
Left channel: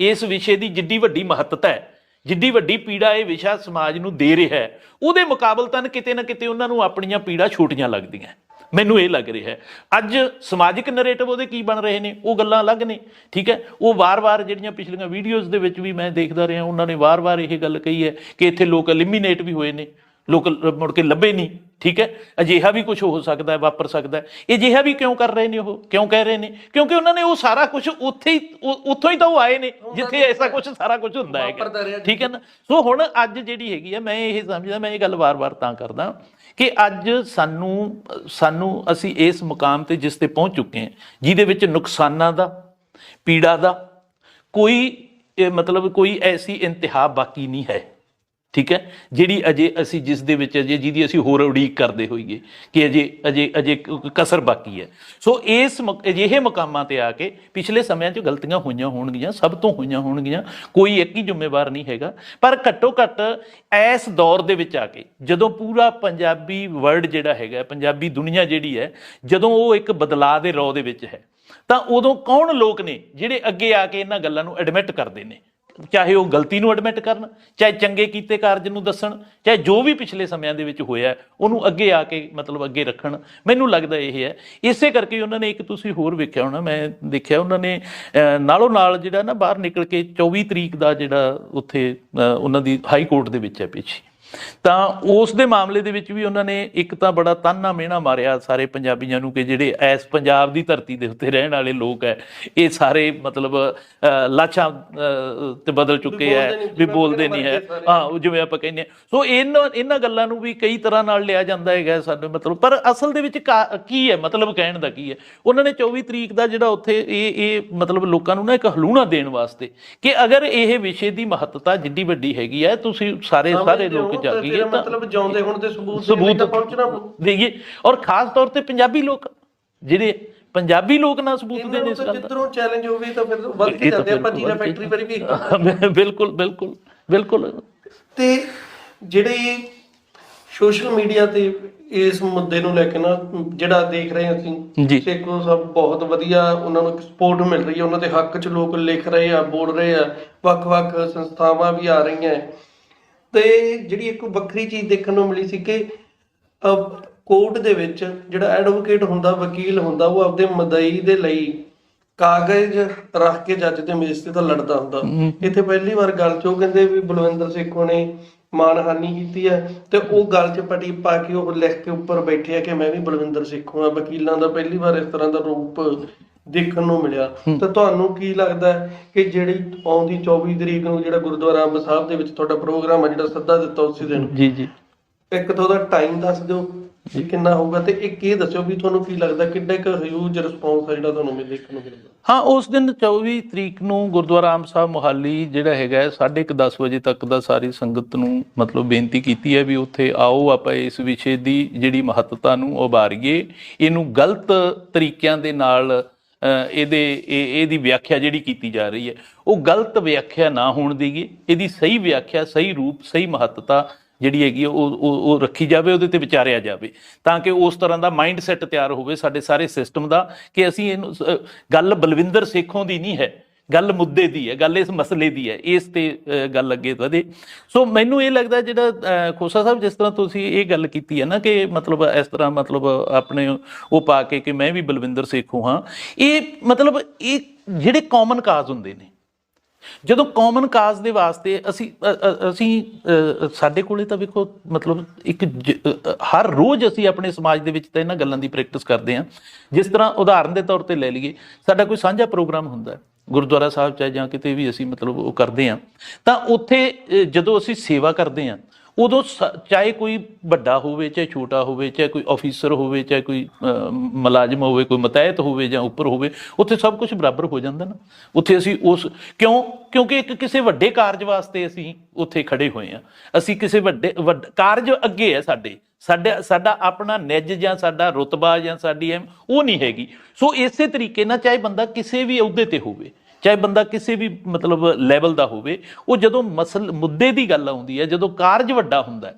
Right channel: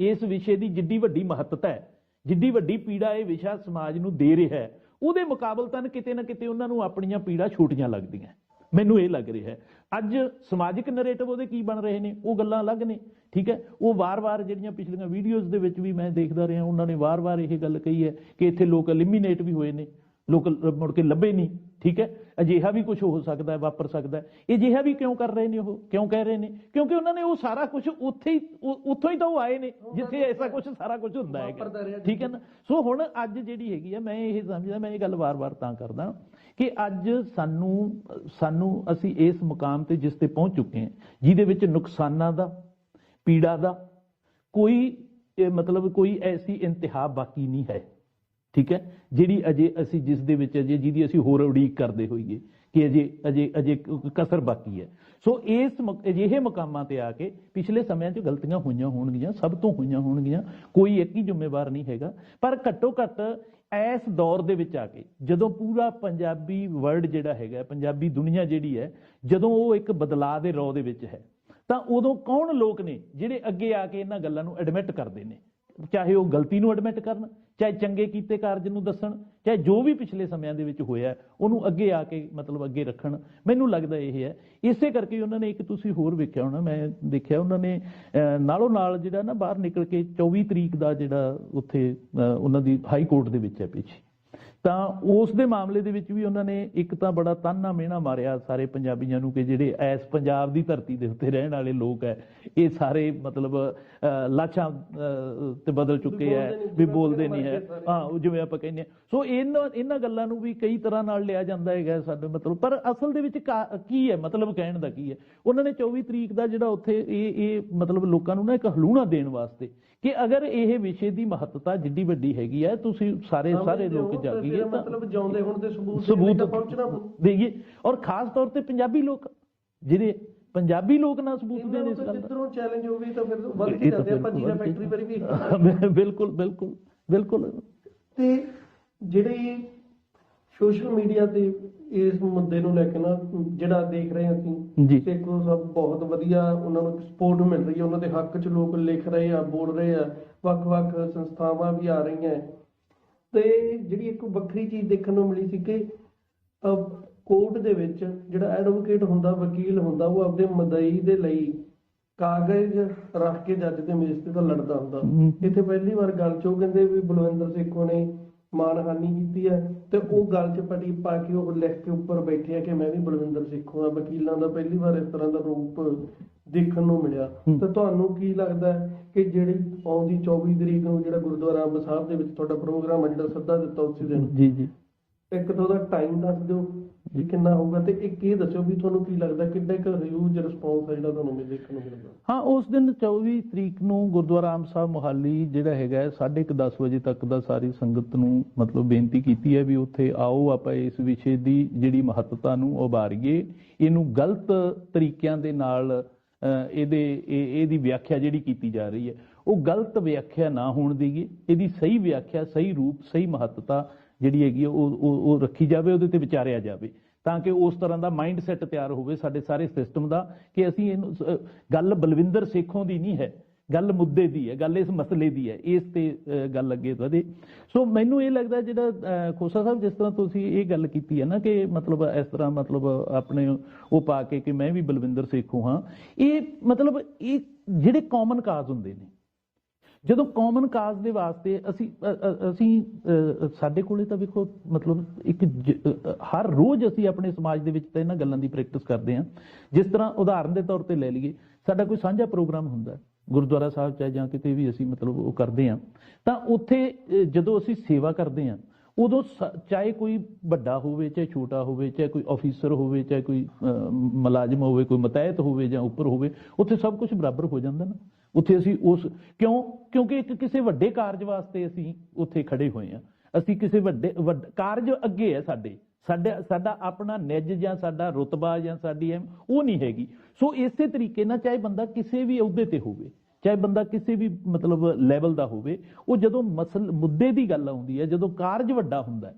ਇਸ ਵਿਸ਼ੇ ਦੀ ਜਿੱਡੀ ਵੱਡੀ ਮਹੱਤਤਾ ਹੈ, ਜਿੱਡੀ ਵੱਡੀ ਪੀੜਾ ਇਹ ਵਿਸ਼ਾ ਸਮਾਜ ਨੂੰ ਦੇ ਰਿਹਾ ਹੈ, ਉਹਦੇ ਮੁਕਾਬਲਤਨ ਕਿਤੇ ਨਾ ਕਿਤੇ ਉਹਨਾਂ ਨੂੰ ਆਪਣੀਆਂ ਪੀੜਾ ਛੋਟੀਆਂ ਲੱਗਦੀਆਂ। ਮੈਨੂੰ ਇਹ ਲੱਗ ਰਿਹਾ ਹੈ ਅੱਜ ਸਮਾਜਿਕ ਨਰੇਟਿਵ ਉਹਦੇ ਕੀ ਬਣ ਰਹੇ ਨੇ, ਉਹ ਗੱਲਾਂ ਅਲੱਗ ਨੇ। ਠੀਕ ਹੈ, ਉਹ ਵਾਰ-ਵਾਰ ਜਿਹੜੀਆਂ ਪਿਛਲੀਆਂ ਵੀਡੀਓਜ਼ ਦੇ ਵਿੱਚ ਵੀ ਮੈਂ ਦੇਖਦਾ ਰਿਹਾ, ਉਹਨਾਂ ਨੇ ਵਾਰ-ਵਾਰ ਇਹ ਗੱਲ ਕਹੀ ਹੈ ਕਿ ਇੱਥੇ ਲੋਕ ਐਲੀਮੀਨੇਟ ਵੀ ਹੋਏ ਨੇ, ਲੋਕ ਮੁੜ ਕੇ ਲੱਭੇ ਨਹੀਂ। ਠੀਕ ਹੈ, ਅਜਿਹਾ ਵੀ ਕੁਝ ਹੋ ਸਕਦਾ ਹੈ, ਵਾਪਰ ਸਕਦਾ ਹੈ। ਇਹ ਅਜਿਹਾ ਵੀ ਕਿਉਂ ਕਰ ਰਹੇ ਨੇ, ਉਹ ਕਿਉਂ ਕਹਿ ਰਹੇ ਨੇ? ਕਿਉਂਕਿ ਉਹਨਾਂ ਨੇ ਉਹ ਸਾਰਾ ਕੁਝ ਉੱਥੋਂ ਹੀ ਤਾਂ ਉਹ ਆਏ ਨੇ ਜਿੱਥੇ ਐਸਾ ਕੁਝ ਸਾਰਾ ਕੁਝ ਹੁੰਦਾ ਹੈਗਾ। ਠੀਕ ਹੈ ਨਾ, ਸੋ ਹੁਣ ਅੱਜ ਜਿਹੜੀ ਹੈਗੀ ਹੈ, ਮੈਂ ਇਹ ਸਮਝਦਾ, ਮੈਂ ਇਹ ਗੱਲ ਵਾਰ-ਵਾਰ ਤਾਂ ਕਰਦਾ ਕਿ ਅੱਜ ਸਾਨੂੰ ਅਸੀਂ ਇਸ ਮੁਕਾਮ ਤੇ ਜਿਸ ਤੇ ਪਹੁੰਚ ਚੁੱਕੇ ਹਾਂ, ਜਿਹਦੇ ਵਿੱਚ ਨੁਕਸਾਨਾਂ ਦਾ, ਪੀੜਾ ਦਾ ਕੋਈ ਮਤਲਬ ਕੋਈ ਐਸੀ ਇੰਤਹਾ ਬਾਕੀ ਨਹੀਂ ਹੈ। ਠੀਕ ਹੈ, ਜਿਹੜੀ ਅਜੇ ਅਸੀਂ ਜਿਸ ਦੇ ਵਿੱਚ ਅਜੇ ਜਿਹਦੀ ਅਸੀਂ ਹੋਰ ਉਡੀਕ ਕਰਦੇ ਹੋਈਏ ਕਿ ਅਜੇ ਕਸਰ ਬਾਕੀ ਹੈ। ਸੋ ਇਸ ਅਜਿਹੇ ਮੁਕਾਮਾਂ ਤੇ ਆ ਕੇ ਪਿਛਲੇ ਸਮਿਆਂ 'ਚ ਗਲਤੀਆਂ ਹੋਈਆਂ ਹੋਣਗੀਆਂ, ਸਭ ਤੋਂ ਹੋਈਆਂ ਹੋਣਗੀਆਂ, ਕੋਈ ਇੱਕ ਹੀ ਜ਼ਿੰਮੇਵਾਰ ਨਹੀਂ ਹੈਗਾ, ਪਰ ਘੱਟੋ ਘੱਟ ਇਸ ਦੌਰ ਦੇ ਵਿੱਚ ਆ ਕੇ ਜਦੋਂ ਪੂਰਾ ਪੰਜਾਬੀ ਵਰਲਡ ਜਿਹੜਾ ਹੈਗਾ, ਪੰਜਾਬੀ ਦੁਨੀਆ ਜਿਹੜੀ ਹੈ, ਜਦੋਂ ਉਹ ਇੱਕ ਬਦਲਾਅ ਦੇ ਰੌ ਦੇ ਵਿੱਚ ਹੈ, ਤਾਂ ਉਦੋਂ ਕੌਣ ਲੋਕ ਨੇ ਜਿਹੜੇ ਅੱਗੇ ਆ ਕੇ ਇਹਨਾਂ ਗੱਲਾਂ ਨੂੰ ਐਡਮਿਟ ਕਰਦੇ ਨੇ, ਚਾਹੇ ਉਹ ਗਲਤੀ ਨੂੰ ਐਡਮਿਟ ਕਰਨ, ਚਾਹੇ ਚੰਗੇ ਕੀਤੇ ਕਾਰਜ ਨੂੰ ਦੱਸਣ, ਚਾਹੇ ਜੋ ਵੀ ਪਿਛਲੇ ਸਮਿਆਂ ਦੇ ਵਿੱਚ ਹੋਇਆ ਉਹਨੂੰ ਅੱਗੇ ਆ ਕੇ ਮਤਲਬ ਅੱਗੇ ਰੱਖਣ। ਮੈਨੂੰ ਲੱਗਦਾ ਇਹ ਹੈ, ਇਸੇ ਕਰਕੇ ਉਹਨਾਂ ਨੇ ਇੱਕ ਤੁਸੀਂ ਹੋਰ ਵੇਖਿਆ ਹੋਣਾ, ਮੈਂ ਦੇਖਿਆ ਉਹਨਾਂ ਨੇ ਨਾਲੋਂ ਨਾਲ ਜਿਹੜਾ ਨਾ ਬਾਹਰ ਨਿਕਲ ਕੇ 24 ਤਰੀਕ ਦਾ ਜਿਹੜਾ ਉੱਥੇ ਉਹਨਾਂ ਦੀ ਹਾਈ ਕੋਰਟ ਦੇ ਵਿੱਚ ਹੈ ਪਿੱਛੇ, ਤਾਂ ਉਸ ਦੇ ਮਾਮਲੇ ਦੇ ਵਿੱਚ ਵੀ ਉਹਨਾਂ ਨੇ ਇੱਕ ਤਾਂ ਬੜਾ ਤਾਨਾ ਮਿਹਣਾ ਮਾਰਿਆ ਸਾਰੇ ਪੰਜਾਬੀਆਂ ਨੂੰ ਕਿ ਜਿਹੜੇ ਇਸ ਪੰਜਾਬ ਦੀ ਧਰਤੀ ਦੇ ਉੱਤੇ ਰਹਿਣ ਵਾਲੇ ਲੋਕ ਹੈ, ਇਹ ਸਾਰੇ ਮਤਲਬ ਲਾਸ਼ਾਂ ਤੇ ਬਦਲ ਚੁੱਕੇ ਹੈ, ਵੀ ਬੋਲਦੇ ਨਹੀਂ ਹੈ, ਹਾਂ ਜਿਵੇਂ ਆਪਾਂ ਕਹਿੰਦੇ ਹਾਂ। ਸੋ ਇਹਨਾਂ ਗੱਲਾਂ ਨੂੰ ਵੀ ਕਈ ਤਰ੍ਹਾਂ ਨਾਲ ਲਿਆ ਜਾਂਦਾ ਹੈਗਾ ਸਾਡੇ ਮਤਲਬ, ਪਰ ਅਸਲ ਦੇ ਵਿੱਚ ਕੀ ਹੈ ਮਤਲਬ ਕਹਿਣ ਦਾ ਕੀ ਹੈ? ਉਹਨਾਂ ਨੇ 24 ਤਰੀਕ ਦਾ ਜਿਹੜਾ ਉੱਥੇ ਇਹ ਮਤਲਬ ਲੋਕਾਂ ਨੂੰ ਨਾ ਇੱਕ ਹਲੂਣਾ ਦੇਣ ਵਾਸਤੇ ਕਿ ਅਗਰ ਇਹ ਵਿਸ਼ੇ ਦੀ ਮਹੱਤਤਾ ਜਿੱਡੀ ਵੱਡੀ ਹੈਗੀ ਹੈ, ਤੁਸੀਂ ਸਾਰੇ ਲੋਕ ਜਾਗੀਏ, ਮਤਲਬ ਜਿਉਂਦੇ ਹੁਣ ਦੇ ਸਬੂਤ ਪਹੁੰਚਣਾ ਦੇਈਏ, ਔਰ ਖਾਸ ਤੌਰ ਤੇ ਪੰਜਾਬੀ ਲੋਕ, ਜਿਹੜੇ ਪੰਜਾਬੀ ਲੋਕ ਨਾ ਸਬੂਤ ਦੇਣ ਇਸ ਗੱਲ ਦਾ, ਜਿੱਧਰੋਂ ਚੈਲੰਜ ਹੋਵੇ ਤਾਂ ਫਿਰ ਵੱਧ ਕੇ ਜਾਂਦੇ ਆਪਾਂ ਜੀਰਾ ਫੈਕਟਰੀ ਪਰ ਵੀ। ਬਿਲਕੁਲ। ਤੇ ਜਿਹੜੇ ਸੋਸ਼ਲ ਮੀਡੀਆ ਤੇ ਇਸ ਮੁੱਦੇ ਨੂੰ ਲੈ ਕੇ ਨਾ ਜਿਹੜਾ ਦੇਖ ਰਹੇ ਅਸੀਂ, ਸੇਖੋਂ ਸਾਹਿਬ ਬਹੁਤ ਵਧੀਆ, ਉਹਨਾਂ ਨੂੰ ਸਪੋਰਟ ਮਿਲ ਰਹੀ ਹੈ, ਉਹਨਾਂ ਦੇ ਹੱਕ 'ਚ ਲੋਕ ਲਿਖ ਰਹੇ ਆ, ਬੋਲ ਰਹੇ ਆ, ਵੱਖ-ਵੱਖ ਸੰਸਥਾਵਾਂ ਵੀ ਆ ਰਹੀਆਂ। ਤੇ ਜਿਹੜੀ ਇੱਕ ਵੱਖਰੀ ਚੀਜ਼ ਦੇਖਣ ਨੂੰ ਮਿਲੀ ਸੀ ਕਿ ਕੋਰਟ ਦੇ ਵਿੱਚ ਜਿਹੜਾ ਐਡਵੋਕੇਟ ਹੁੰਦਾ, ਵਕੀਲ ਹੁੰਦਾ, ਉਹ ਆਪਦੇ ਮਦਈ ਦੇ ਲਈ ਕਾਗਜ਼ ਰੱਖ ਕੇ ਜੱਜ ਦੇ ਮੇਜ਼ ਤੇ ਤਾਂ ਲੜਦਾ ਹੁੰਦਾ। ਇੱਥੇ ਪਹਿਲੀ ਵਾਰ ਗੱਲ 'ਚ ਉਹ ਕਹਿੰਦੇ ਵੀ ਬਲਵਿੰਦਰ ਸੇਖੋਂ ਨੇ ਮਾਨਹਾਨੀ ਕੀਤੀ ਹੈ, ਤੇ ਉਹ ਗੱਲ 'ਚ ਪਟੀ ਪਾ ਕੇ ਉਹ ਲਿਖ ਕੇ ਉੱਪਰ ਬੈਠੇ ਆ ਕਿ ਮੈਂ ਵੀ ਬਲਵਿੰਦਰ ਸੇਖੋਂ ਆ। ਵਕੀਲਾਂ ਦਾ ਪਹਿਲੀ ਵਾਰ ਇਸ ਤਰ੍ਹਾਂ ਦਾ ਰੂਪ ਦੇਖਣ ਨੂੰ ਮਿਲਿਆ। ਤਾਂ ਤੁਹਾਨੂੰ ਕੀ ਲੱਗਦਾ ਕਿ ਜਿਹੜੀ ਆਉਂਦੀ 24 ਤਰੀਕ ਨੂੰ ਜਿਹੜਾ ਗੁਰਦੁਆਰਾ ਅੰਬ ਸਾਹਿਬ ਦੇ ਵਿੱਚ ਤੁਹਾਡਾ ਪ੍ਰੋਗਰਾਮ ਹੈ, ਜਿਹੜਾ ਸੱਦਾ ਦਿੱਤਾ ਉਸੇ ਦਿਨ, ਇੱਕ ਤਾਂ ਉਹਦਾ ਟਾਈਮ ਦੱਸ ਦਿਓ ਵੀ ਕਿੰਨਾ ਹੋਊਗਾ, ਤੇ ਇੱਕ ਇਹ ਦੱਸਿਓ ਵੀ ਤੁਹਾਨੂੰ ਕੀ ਲੱਗਦਾ ਕਿੰਨਾ ਕੁ ਹਿਊਜ ਰਿਸਪੌਂਸ ਆ ਜਿਹੜਾ ਤੁਹਾਨੂੰ ਦੇਖਣ ਨੂੰ ਮਿਲਦਾ। ਹਾਂ, ਉਸ ਦਿਨ 24 ਤਰੀਕ ਨੂੰ ਗੁਰਦੁਆਰਾ ਆਮ ਸਾਹਿਬ ਮੋਹਾਲੀ ਜਿਹੜਾ ਹੈਗਾ 10:30 ਵਜੇ ਤੱਕ ਦਾ ਸਾਰੀ ਸੰਗਤ ਨੂੰ ਮਤਲਬ ਬੇਨਤੀ ਕੀਤੀ ਹੈ ਵੀ ਉੱਥੇ ਆਓ, ਆਪਾਂ ਇਸ ਵਿਸ਼ੇ ਦੀ ਜਿਹੜੀ ਮਹੱਤਤਾ ਨੂੰ ਉਭਾਰੀਏ, ਇਹਨੂੰ ਗਲਤ ਤਰੀਕਿਆਂ ਦੇ ਨਾਲ ਇਹਦੀ ਵਿਆਖਿਆ ਜਿਹੜੀ ਕੀਤੀ ਜਾ ਰਹੀ ਹੈ ਉਹ ਗਲਤ ਵਿਆਖਿਆ ਨਾ ਹੋਣ ਦੇਈਏ, ਇਹਦੀ ਸਹੀ ਵਿਆਖਿਆ, ਸਹੀ ਰੂਪ, ਸਹੀ ਮਹੱਤਤਾ ਜਿਹੜੀ ਹੈਗੀ ਉਹ ਰੱਖੀ ਜਾਵੇ, ਉਹਦੇ ਤੇ ਵਿਚਾਰਿਆ ਜਾਵੇ, ਤਾਂ ਕਿ ਉਸ ਤਰ੍ਹਾਂ ਦਾ ਮਾਈਂਡ ਸੈੱਟ ਤਿਆਰ ਹੋਵੇ ਸਾਡੇ ਸਾਰੇ ਸਿਸਟਮ ਦਾ ਕਿ ਅਸੀਂ ਇਹਨੂੰ ਗੱਲ ਬਲਵਿੰਦਰ ਸੇਖੋਂ ਦੀ ਨਹੀਂ ਹੈ, ਗੱਲ ਮੁੱਦੇ ਦੀ ਹੈ, ਗੱਲ ਇਸ ਮਸਲੇ ਦੀ ਹੈ, ਇਸ ਤੇ ਗੱਲ ਅੱਗੇ ਵਧੇ। ਸੋ ਮੈਨੂੰ ਇਹ ਲੱਗਦਾ ਜਿਹੜਾ ਖੋਸਾ ਸਾਹਿਬ ਜਿਸ ਤਰ੍ਹਾਂ ਤੁਸੀਂ ਇਹ ਗੱਲ ਕੀਤੀ ਹੈ ਨਾ ਕਿ ਮਤਲਬ ਇਸ ਤਰ੍ਹਾਂ ਮਤਲਬ ਆਪਣੇ ਉਹ ਪਾ ਕੇ ਕਿ ਮੈਂ ਵੀ ਬਲਵਿੰਦਰ ਸੇਖੋਂ ਹਾਂ, ਇਹ ਮਤਲਬ ਇਹ ਜਿਹੜੇ ਕਾਮਨ ਕਾਜ਼ ਹੁੰਦੇ ਨੇ, ਜਦੋਂ ਕਾਮਨ ਕਾਜ਼ ਦੇ ਵਾਸਤੇ ਅਸੀਂ ਸਾਡੇ ਕੋਲੇ ਤਾਂ ਵੇਖੋ ਮਤਲਬ ਇੱਕ ਹਰ ਰੋਜ਼ ਅਸੀਂ ਆਪਣੇ ਸਮਾਜ ਦੇ ਵਿੱਚ ਤਾਂ ਇਹਨਾਂ ਗੱਲਾਂ ਦੀ ਪ੍ਰੈਕਟਿਸ ਕਰਦੇ ਹਾਂ। ਜਿਸ ਤਰ੍ਹਾਂ ਉਦਾਹਰਨ ਦੇ ਤੌਰ ਤੇ ਲੈ ਲਈਏ, ਸਾਡਾ ਕੋਈ ਸਾਂਝਾ ਪ੍ਰੋਗਰਾਮ ਹੁੰਦਾ ਗੁਰਦੁਆਰਾ ਸਾਹਿਬ ਚਾਹੇ ਜਾਂ ਕਿਤੇ ਵੀ ਅਸੀਂ ਮਤਲਬ ਉਹ ਕਰਦੇ ਹਾਂ, ਤਾਂ ਉੱਥੇ ਜਦੋਂ ਅਸੀਂ ਸੇਵਾ ਕਰਦੇ ਹਾਂ ਉਦੋਂ ਚਾਹੇ ਕੋਈ ਵੱਡਾ ਹੋਵੇ ਚਾਹੇ ਛੋਟਾ ਹੋਵੇ, ਚਾਹੇ ਕੋਈ ਆਫੀਸਰ ਹੋਵੇ ਚਾਹੇ ਕੋਈ ਮੁਲਾਜ਼ਮ ਹੋਵੇ, ਕੋਈ ਮਤਹਿਤ ਹੋਵੇ ਜਾਂ ਉੱਪਰ ਹੋਵੇ, ਉੱਥੇ ਸਭ ਕੁਝ ਬਰਾਬਰ ਹੋ ਜਾਂਦਾ ਨਾ। ਉੱਥੇ ਅਸੀਂ ਕਿਉਂਕਿ ਇੱਕ ਕਿਸੇ ਵੱਡੇ ਕਾਰਜ ਵਾਸਤੇ ਅਸੀਂ ਉੱਥੇ ਖੜੇ ਹੋਏ ਹਾਂ, ਅਸੀਂ ਕਿਸੇ ਵੱਡੇ ਕਾਰਜ ਅੱਗੇ ਹੈ ਸਾਡਾ ਆਪਣਾ ਨਿੱਜ ਜਾਂ ਸਾਡਾ ਰੁਤਬਾ ਜਾਂ ਸਾਡੀ ਉਹ ਨਹੀਂ ਹੈਗੀ। ਸੋ ਇਸੇ ਤਰੀਕੇ ਨਾਲ ਚਾਹੇ ਬੰਦਾ ਕਿਸੇ ਵੀ ਅਹੁਦੇ ਤੇ ਹੋਵੇ, ਚਾਹੇ ਬੰਦਾ ਕਿਸੇ ਵੀ ਮਤਲਬ ਲੈਵਲ ਦਾ ਹੋਵੇ, ਉਹ ਜਦੋਂ ਮੁੱਦੇ ਦੀ ਗੱਲ ਆਉਂਦੀ ਹੈ, ਜਦੋਂ ਕਾਰਜ ਵੱਡਾ ਹੁੰਦਾ,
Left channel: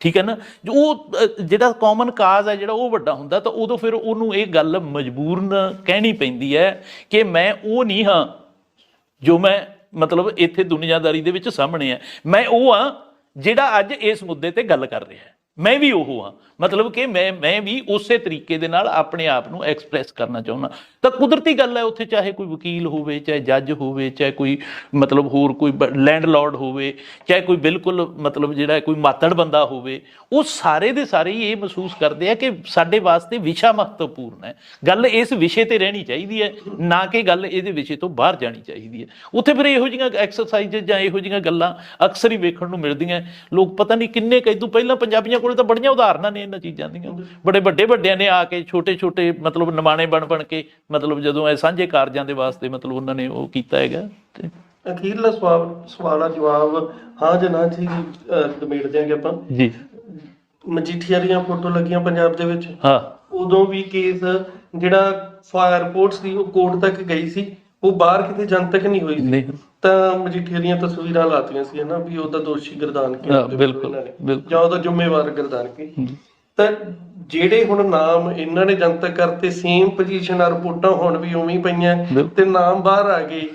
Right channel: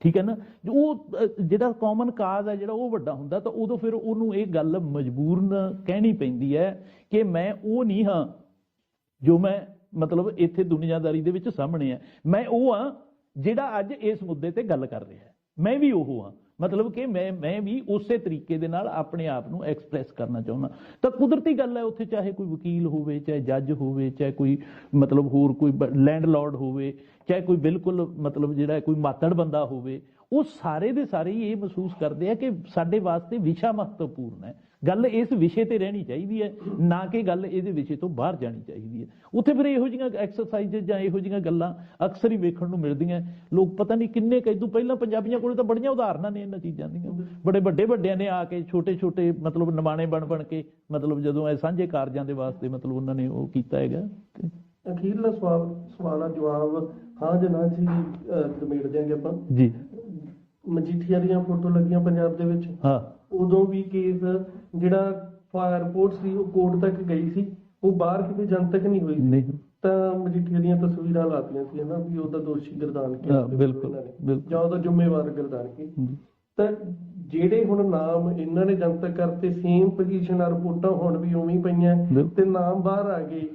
ਠੀਕ ਹੈ ਨਾ, ਉਹ ਜਿਹੜਾ ਕਾਮਨ ਕਾਜ਼ ਹੈ ਜਿਹੜਾ ਉਹ ਵੱਡਾ ਹੁੰਦਾ, ਤਾਂ ਉਦੋਂ ਫਿਰ ਉਹਨੂੰ ਇਹ ਗੱਲ ਮਜਬੂਰਨ ਕਹਿਣੀ ਪੈਂਦੀ ਹੈ ਕਿ ਮੈਂ ਉਹ ਨਹੀਂ ਹਾਂ ਜੋ ਮੈਂ ਮਤਲਬ ਇੱਥੇ ਦੁਨੀਆਦਾਰੀ ਦੇ ਵਿੱਚ ਸਾਹਮਣੇ ਹੈ, ਮੈਂ ਉਹ ਹਾਂ ਜਿਹੜਾ ਅੱਜ ਇਸ ਮੁੱਦੇ ਤੇ ਗੱਲ ਕਰ ਰਿਹਾ, ਮੈਂ ਵੀ ਉਹ ਹਾਂ, ਮਤਲਬ ਕਿ ਮੈਂ ਵੀ ਉਸੇ ਤਰੀਕੇ ਦੇ ਨਾਲ ਆਪਣੇ ਆਪ ਨੂੰ ਐਕਸਪ੍ਰੈਸ ਕਰਨਾ ਚਾਹੁੰਦਾ। ਤਾਂ ਕੁਦਰਤੀ ਗੱਲ ਹੈ ਉੱਥੇ ਚਾਹੇ ਕੋਈ ਵਕੀਲ ਹੋਵੇ, ਚਾਹੇ ਜੱਜ ਹੋਵੇ, ਚਾਹੇ ਕੋਈ ਮਤਲਬ ਹੋਰ ਕੋਈ ਲੈਂਡਲੋਰਡ ਹੋਵੇ, ਚਾਹੇ ਕੋਈ ਬਿਲਕੁਲ ਮਤਲਬ ਜਿਹੜਾ ਕੋਈ ਮਾਤੜ ਬੰਦਾ ਹੋਵੇ, ਉਹ ਸਾਰੇ ਦੇ ਸਾਰੇ ਹੀ ਇਹ ਮਹਿਸੂਸ ਕਰਦੇ ਆ ਕਿ ਸਾਡੇ ਵਾਸਤੇ ਵਿਸ਼ਾ ਮਹੱਤਵਪੂਰਨ ਹੈ, ਗੱਲ ਇਸ ਵਿਸ਼ੇ ਤੇ ਰਹਿਣੀ ਚਾਹੀਦੀ ਹੈ, ਨਾ ਕਿ ਗੱਲ ਇਹਦੇ ਵਿਸ਼ੇ ਤੋਂ ਬਾਹਰ ਜਾਣੀ ਚਾਹੀਦੀ ਹੈ। ਉੱਥੇ ਫਿਰ ਇਹੋ ਜਿਹੀਆਂ ਐਕਸਰਸਾਈਜ਼ ਜਾਂ ਇਹੋ ਜਿਹੀਆਂ ਗੱਲਾਂ ਅਕਸਰ ਹੀ ਵੇਖਣ ਨੂੰ ਮਿਲਦੀਆਂ। ਲੋਕ ਪਤਾ ਨਹੀਂ ਕਿੰਨੇ ਕੁ ਤੋਂ ਪਹਿਲਾਂ ਪੰਜਾਬੀਆਂ ਕੋਲ ਤਾਂ ਬੜੀਆਂ ਉਦਾਹਰਨਾਂ ਨੇ ਇਹਨਾਂ ਚੀਜ਼ਾਂ ਦੀਆਂ, ਬੜੇ ਵੱਡਿਆਂ ਨੇ ਆ ਕੇ ਛੋਟੇ ਮਤਲਬ ਨਿਮਾਣੇ ਬਣ ਕੇ ਮਤਲਬ ਜਦੋਂ ਇਹ ਸਾਂਝੇ ਕਾਰਜਾਂ ਦੇ ਵਾਸਤੇ ਮਤਲਬ ਉਹਨਾਂ ਨੇ ਉਹ ਕੀਤਾ ਹੈਗਾ। ਤੇ ਅਖੀਰਲਾ ਸਵਾਲ ਦਾ ਜਵਾਬ ਹਾਂ ਜਾਂ ਨਾ ਜੀ ਨਿਬੇੜ ਦਿਆਂਗੇ ਆਪਾਂ ਜੀ। ਮਜੀਠੀਆ ਦੀਆਂ ਫੋਟੋ ਲੱਗੀਆਂ ਪੰਜਾਬ ਦੇ ਵਿੱਚ, ਹਾਂ, ਉਦੋਂ ਵੀ ਕੇਸ ਜਿਹੜਾ ਫਾਇਰ ਰਿਪੋਰਟਸ ਦੀ ਉਹ ਕੋਰਟ ਤੱਕ ਗਈ ਸੀ, ਉਹ ਬਾਹਰ ਕਿਤੇ ਜਨਤਕ ਨਹੀਂ ਹੋਈ ਸੀ, ਤਾਂ ਮਜੀਠੀਆ ਦੀਆਂ ਤਸਵੀਰਾਂ ਲਾਤੀਆਂ ਸੀ ਨਾ ਵੀ ਉਹਦਾ ਦੋਸ਼ੀ ਗੁਰਦਾਨਕੇ ਜਾਂ ਉਹਦਾ ਜ਼ਿੰਮੇਵਾਰ ਗੁਰਦਾਨਕੇ। ਤਾਂ ਜਿਹੜੇ ਹੁਣ ਨਾਮ ਇਹਨਾਂ ਨੇ ਜਨਤਕ ਕਰਤੇ, ਸੇਮ ਪੋਜੀਸ਼ਨ ਆ, ਰਿਪੋਰਟਾਂ ਹੁਣ ਵੀ ਉਵੇਂ ਹੀ ਪਈਆਂ ਤੇ ਨਾਮ ਬਾਹਰ ਆ ਗਏ।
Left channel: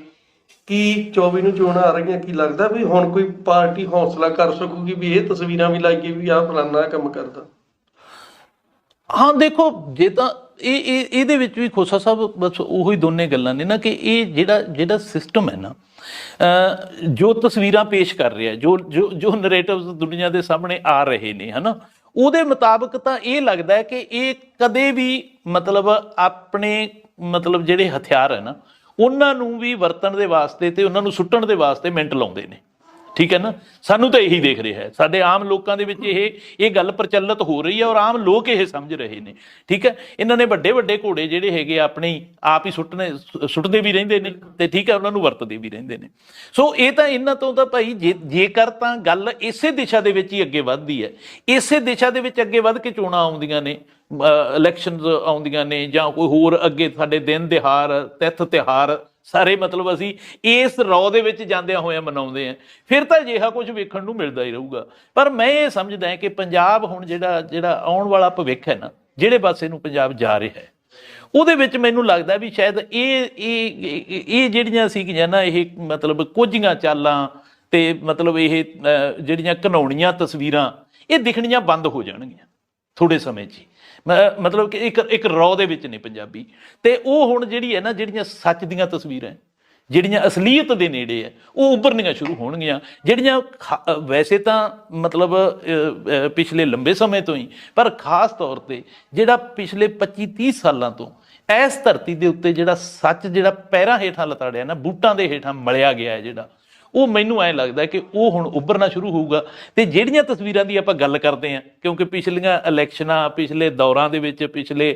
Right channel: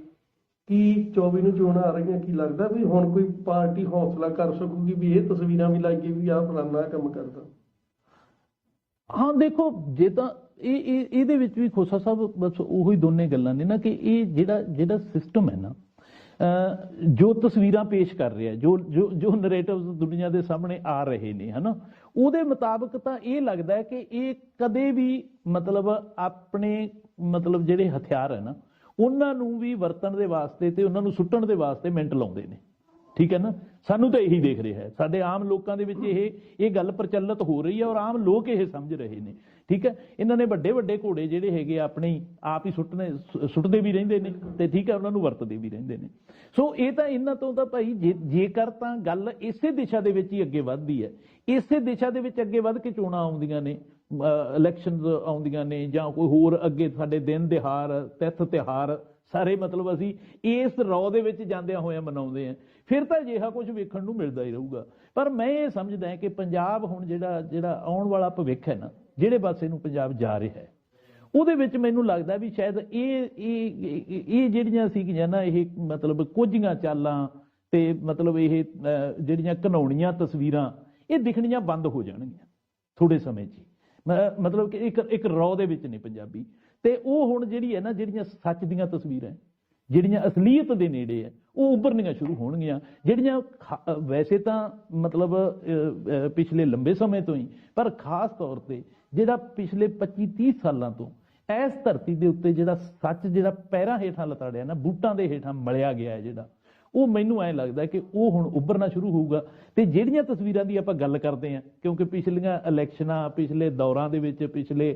ਕੀ 24 ਨੂੰ ਚੋਣਾਂ ਆ ਰਹੀਆਂ, ਕੀ ਲੱਗਦਾ ਵੀ ਹੁਣ ਕੋਈ ਪਾਰਟੀ ਹੌਸਲਾ ਕਰ ਸਕੂਗੀ ਵੀ ਇਹ ਤਸਵੀਰਾਂ ਵੀ ਲਾਈਏ ਵੀ ਆਹ ਫਲਾਨਾ ਕੰਮ ਕਰਦਾ? ਹਾਂ ਦੇਖੋ, ਜੇ ਤਾਂ ਇਹਦੇ ਵਿੱਚ ਵੀ ਖੋਸਾ ਸਾਹਿਬ ਬਸ ਉਹੀ ਦੋਨੇ ਗੱਲਾਂ ਨੇ ਨਾ ਕਿ ਇਹ ਜਿਹੜਾ ਸਿਸਟਮ ਹੈ ਨਾ, ਜੋ ਤਸਵੀਰਾਂ ਪੇਸ਼ ਕਰ ਰਿਹਾ, ਜੋ ਨਰੇਟਿਵਸ ਦੁਨੀਆ ਦੇ ਸਾਹਮਣੇ ਆ ਰਹੇ ਨੇ, ਹੈ ਨਾ, ਉਹਦੇ ਮੁਤਾਬਕ ਤਾਂ ਇਹ ਲੱਗਦਾ ਹੈ ਕਿ ਇਹ ਕਦੇ ਵੀ ਮਤਲਬ ਆਪਣੇ ਮਤਲਬ ਜਿਹੜੇ ਹਥਿਆਰ ਹੈ ਨਾ ਉਹਨਾਂ ਨੂੰ ਵੀ ਵਰਤਣ ਦੇ ਵਾਸਤੇ ਤੇ ਉਹਨਾਂ ਨੂੰ ਸੁੱਟਣ ਦੇ ਵਾਸਤੇ ਮਿੰਟ ਲਾਉਂਦੇ ਨੇ, ਠੀਕ ਹੈ ਨਾ। ਸਾਨੂੰ ਤਾਂ ਇਹੀ ਦੇਖ ਰਿਹਾ ਹੈ, ਸਾਡੇ ਆਮ ਲੋਕਾਂ ਦੇ ਵਿੱਚ ਇਹ ਗੱਲ ਪ੍ਰਚਲਿਤ ਹੋ ਰਹੀ ਹੈ ਔਰ ਆਮ ਲੋਕ ਇਹ ਸਮਝ ਰਹੇ ਨੇ, ਠੀਕ ਹੈ। ਇਹਨਾਂ ਨੇ ਵੱਡੇ ਘੋੜੇ ਜਿਹੜੇ ਹੈਗੇ ਆਪਣੇ ਆਪ ਹੀ ਸੁੱਟਦੇ ਵੀ ਰਹਿੰਦੇ ਨੇ ਤੇ ਠੀਕ ਹੈ, ਉਹਨਾਂ ਨੂੰ ਵਰਤਦੇ ਵੀ ਰਹਿੰਦੇ ਨੇ। ਸੋ ਇਹ ਤਾਂ ਇਹਨਾਂ ਤੋਂ ਤਾਂ ਭਾਈ ਜੇਕਰ ਤਾਂ ਗੱਲ ਇਸੇ ਦਿਸ਼ਾ ਦੇ ਵਿੱਚ ਹੀ ਅੱਗੇ ਵੱਧਦੀ ਹੈ, ਇਸੇ ਦਿਸ਼ਾ ਦੇ ਵਿੱਚ ਅੱਗੇ ਵੱਧ ਕੇ ਚੋਣਾਂ ਆਉਂਦੀਆਂ ਨੇ, ਇਲੈਕਸ਼ਨਸ ਆਉਂਦੀਆਂ ਨੇ, ਜਾਂ ਕੋਈ ਹੋਰ ਅੱਗੇ ਸਾਡੇ ਦਿਨ ਦਿਹਾੜ ਤਿੱਥ ਤਿਉਹਾਰ ਸਾਰੇ ਮਤਲਬ ਅਸੀਂ ਇਸ ਰੌ ਦੇ ਵਿੱਚ ਜਾਂਦਿਆਂ ਹੋਇਆਂ ਮਨਾਉਂਦੇ ਹਾਂ, ਫਿਰ ਤਾਂ ਅਜਿਹਾ ਕੁਝ ਵੇਖਣ ਨੂੰ ਮਿਲਦਾ ਹੀ ਰਹੂਗਾ। ਪਰ ਮੈਂ ਇਹ ਸਮਝਦਾ ਹਾਂ ਕਿ ਪੰਜਾਬ ਹੁਣ ਜਿਹੜਾ ਆਉਣ ਵਾਲਾ ਭਵਿੱਖ ਹੈ ਨਾ, ਜਿਹੜੇ ਪਾਸੇ ਨੂੰ ਪੰਜਾਬ ਜਾ ਰਿਹਾ ਹੈ, ਉਹਦੇ ਵਿੱਚ ਮੈਨੂੰ ਲੱਗਦਾ ਵੀ ਸ਼ਾਇਦ ਇਹ ਜਿਹੜੀਆਂ ਸੀਗੀਆਂ ਨਾ, ਇਹ ਮਤਲਬ ਕੁਝੀਆਂ ਚਾਲਾਂ ਤੇ ਮਤਲਬ ਇਹ ਜਿਹੜੀਆਂ ਘਿਨਾਉਣੀਆਂ ਤਸਵੀਰਾਂ ਇਹ ਦਿਖਣੀਆਂ ਬੰਦ ਹੋ ਜਾਣਗੀਆਂ ਥੋੜ੍ਹੇ ਸਮੇਂ 'ਚ ਹੀ। ਮਤਲਬ ਕਿ ਇੱਕ ਰੌ ਦੇ ਵਿੱਚ ਨੇ ਪੰਜਾਬੀ, ਤੇ ਉਹ ਹੁਣ ਜਿਹੜੀ ਹੈ ਨਾ, ਜਿਹੜੀਆਂ ਸੱਚ ਦੀਆਂ ਤਸਵੀਰਾਂ, ਜਿਹੜੀਆਂ ਅਸਲੀਅਤ ਦੇ ਨੇੜੇ ਹੈ, ਉਹ ਉੱਭਰਨੀਆਂ ਸ਼ੁਰੂ ਹੋਣਗੀਆਂ। ਜਿਹੜੀਆਂ ਵੈਸੇ ਤਾਂ ਮਤਲਬ ਪਿਛਲੇ ਲੰਬੇ ਸਮੇਂ ਤੋਂ ਹੀ, ਪਰ ਖਾਸ ਤੌਰ 'ਤੇ ਜਿਹੜਾ ਪਿਛਲੇ 25-30 ਸਾਲਾਂ ਤੋਂ ਇਸ ਧਰਤੀ ਦੇ ਉੱਤੇ ਜਿਹੜਾ ਸੱਚ ਜਿਹੜਾ ਪੈਰਾਂ ਹੇਠਾਂ ਲਤਾੜਿਆ ਨਾ, ਬੂਟਾਂ ਦੇ ਹੇਠਾਂ ਮਲਿਆ ਗਿਆ ਹੈ, ਜਿਹੜਾ ਉਹ ਮੈਨੂੰ ਐਂ ਲੱਗਦਾ ਕਿ ਉਹ ਹੁਣ ਉੱਭਰਨਾ ਸ਼ੁਰੂ ਹੋਊਗਾ। ਤੇ ਜਿਹੜੀਆਂ ਤਸਵੀਰਾਂ ਦੀ ਆਪਾਂ ਗੱਲ ਕਰਦੇ ਹਾਂ, ਕਿਉਂਕਿ ਪਿਛਲੀਆਂ ਇਲੈਕਸ਼ਨਾਂ, ਪਿਛਲੇ ਦੌਰਾਂ ਦੇ ਵਿੱਚ, ਪਿਛਲੇ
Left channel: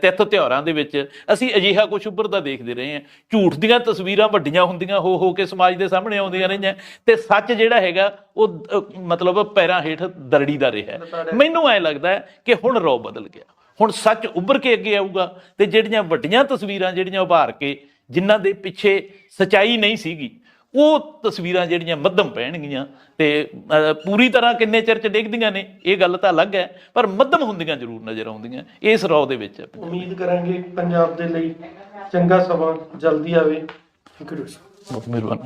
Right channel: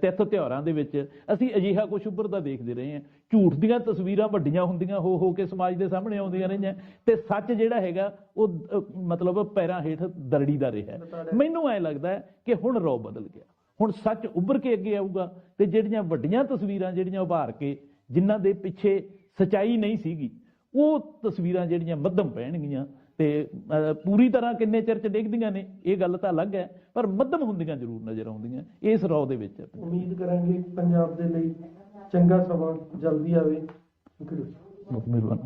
ਤਿੱਥ ਤਿਉਹਾਰਾਂ ਦੇ ਵਿੱਚ ਅਸੀਂ ਅਜਿਹਾ ਕੁਝ ਉੱਭਰਦਾ ਦੇਖਦੇ ਰਹੇ ਹਾਂ। ਝੂਠ ਦੀਆਂ ਤਸਵੀਰਾਂ ਵੱਡੀਆਂ ਹੁੰਦੀਆਂ ਹੋ ਕੇ ਸਮਾਜ ਦੇ ਸਾਹਮਣੇ ਆਉਂਦੀਆਂ ਰਹੀਆਂ, ਤੇ ਸੱਚ ਜਿਹੜਾ ਹੈਗਾ ਉਹ ਮਤਲਬ ਪੈਰਾਂ ਹੇਠ ਦਰੜੀ ਦਾ ਰਿਹਾ। ਮੈਨੂੰ ਐਂ ਲੱਗਦਾ ਹੈ ਕਿ ਹੁਣ ਰੌ ਬਦਲ ਗਿਆ, ਹੁਣ ਸੱਚ ਉੱਭਰ ਕੇ ਅੱਗੇ ਆਊਗਾ, ਤੇ ਜਿਹੜੀਆਂ ਵੱਡੀਆਂ ਤਸਵੀਰਾਂ ਜਿਹੜੀਆਂ ਉਭਾਰ ਕੇ ਜਿਨ੍ਹਾਂ ਦੇ ਪਿੱਛੇ ਸਚਾਈ ਨਹੀਂ ਸੀਗੀ, ਉਹ ਤਸਵੀਰਾਂ ਜਿਹੜੀਆਂ ਮੱਧਮ ਪੈਣਗੀਆਂ। ਤੇ ਪੂਰੀ ਤਰ੍ਹਾਂ ਕਿੰਨੇ ਚਿਰ 'ਚ ਡਿੱਗਦੀਆਂ ਨੇ ਇਹ ਗੱਲ ਤਾਂ ਅਲੱਗ ਹੈ, ਪਰ ਮੱਧਮ ਹੁੰਦੀਆਂ ਜ਼ਰੂਰ ਨਜ਼ਰ ਆਉਂਦੀਆਂ ਇਸ ਰੌ ਦੇ ਵਿੱਚ। ਉਮੀਦ ਕਰਾਂਗੇ ਪੰਜਾਬ ਦੇ ਲਈ ਚੰਗਾ ਸਮਾਂ ਜਲਦੀ ਆਵੇ। ਬਹੁਤ ਮਿਹਰਬਾਨੀ।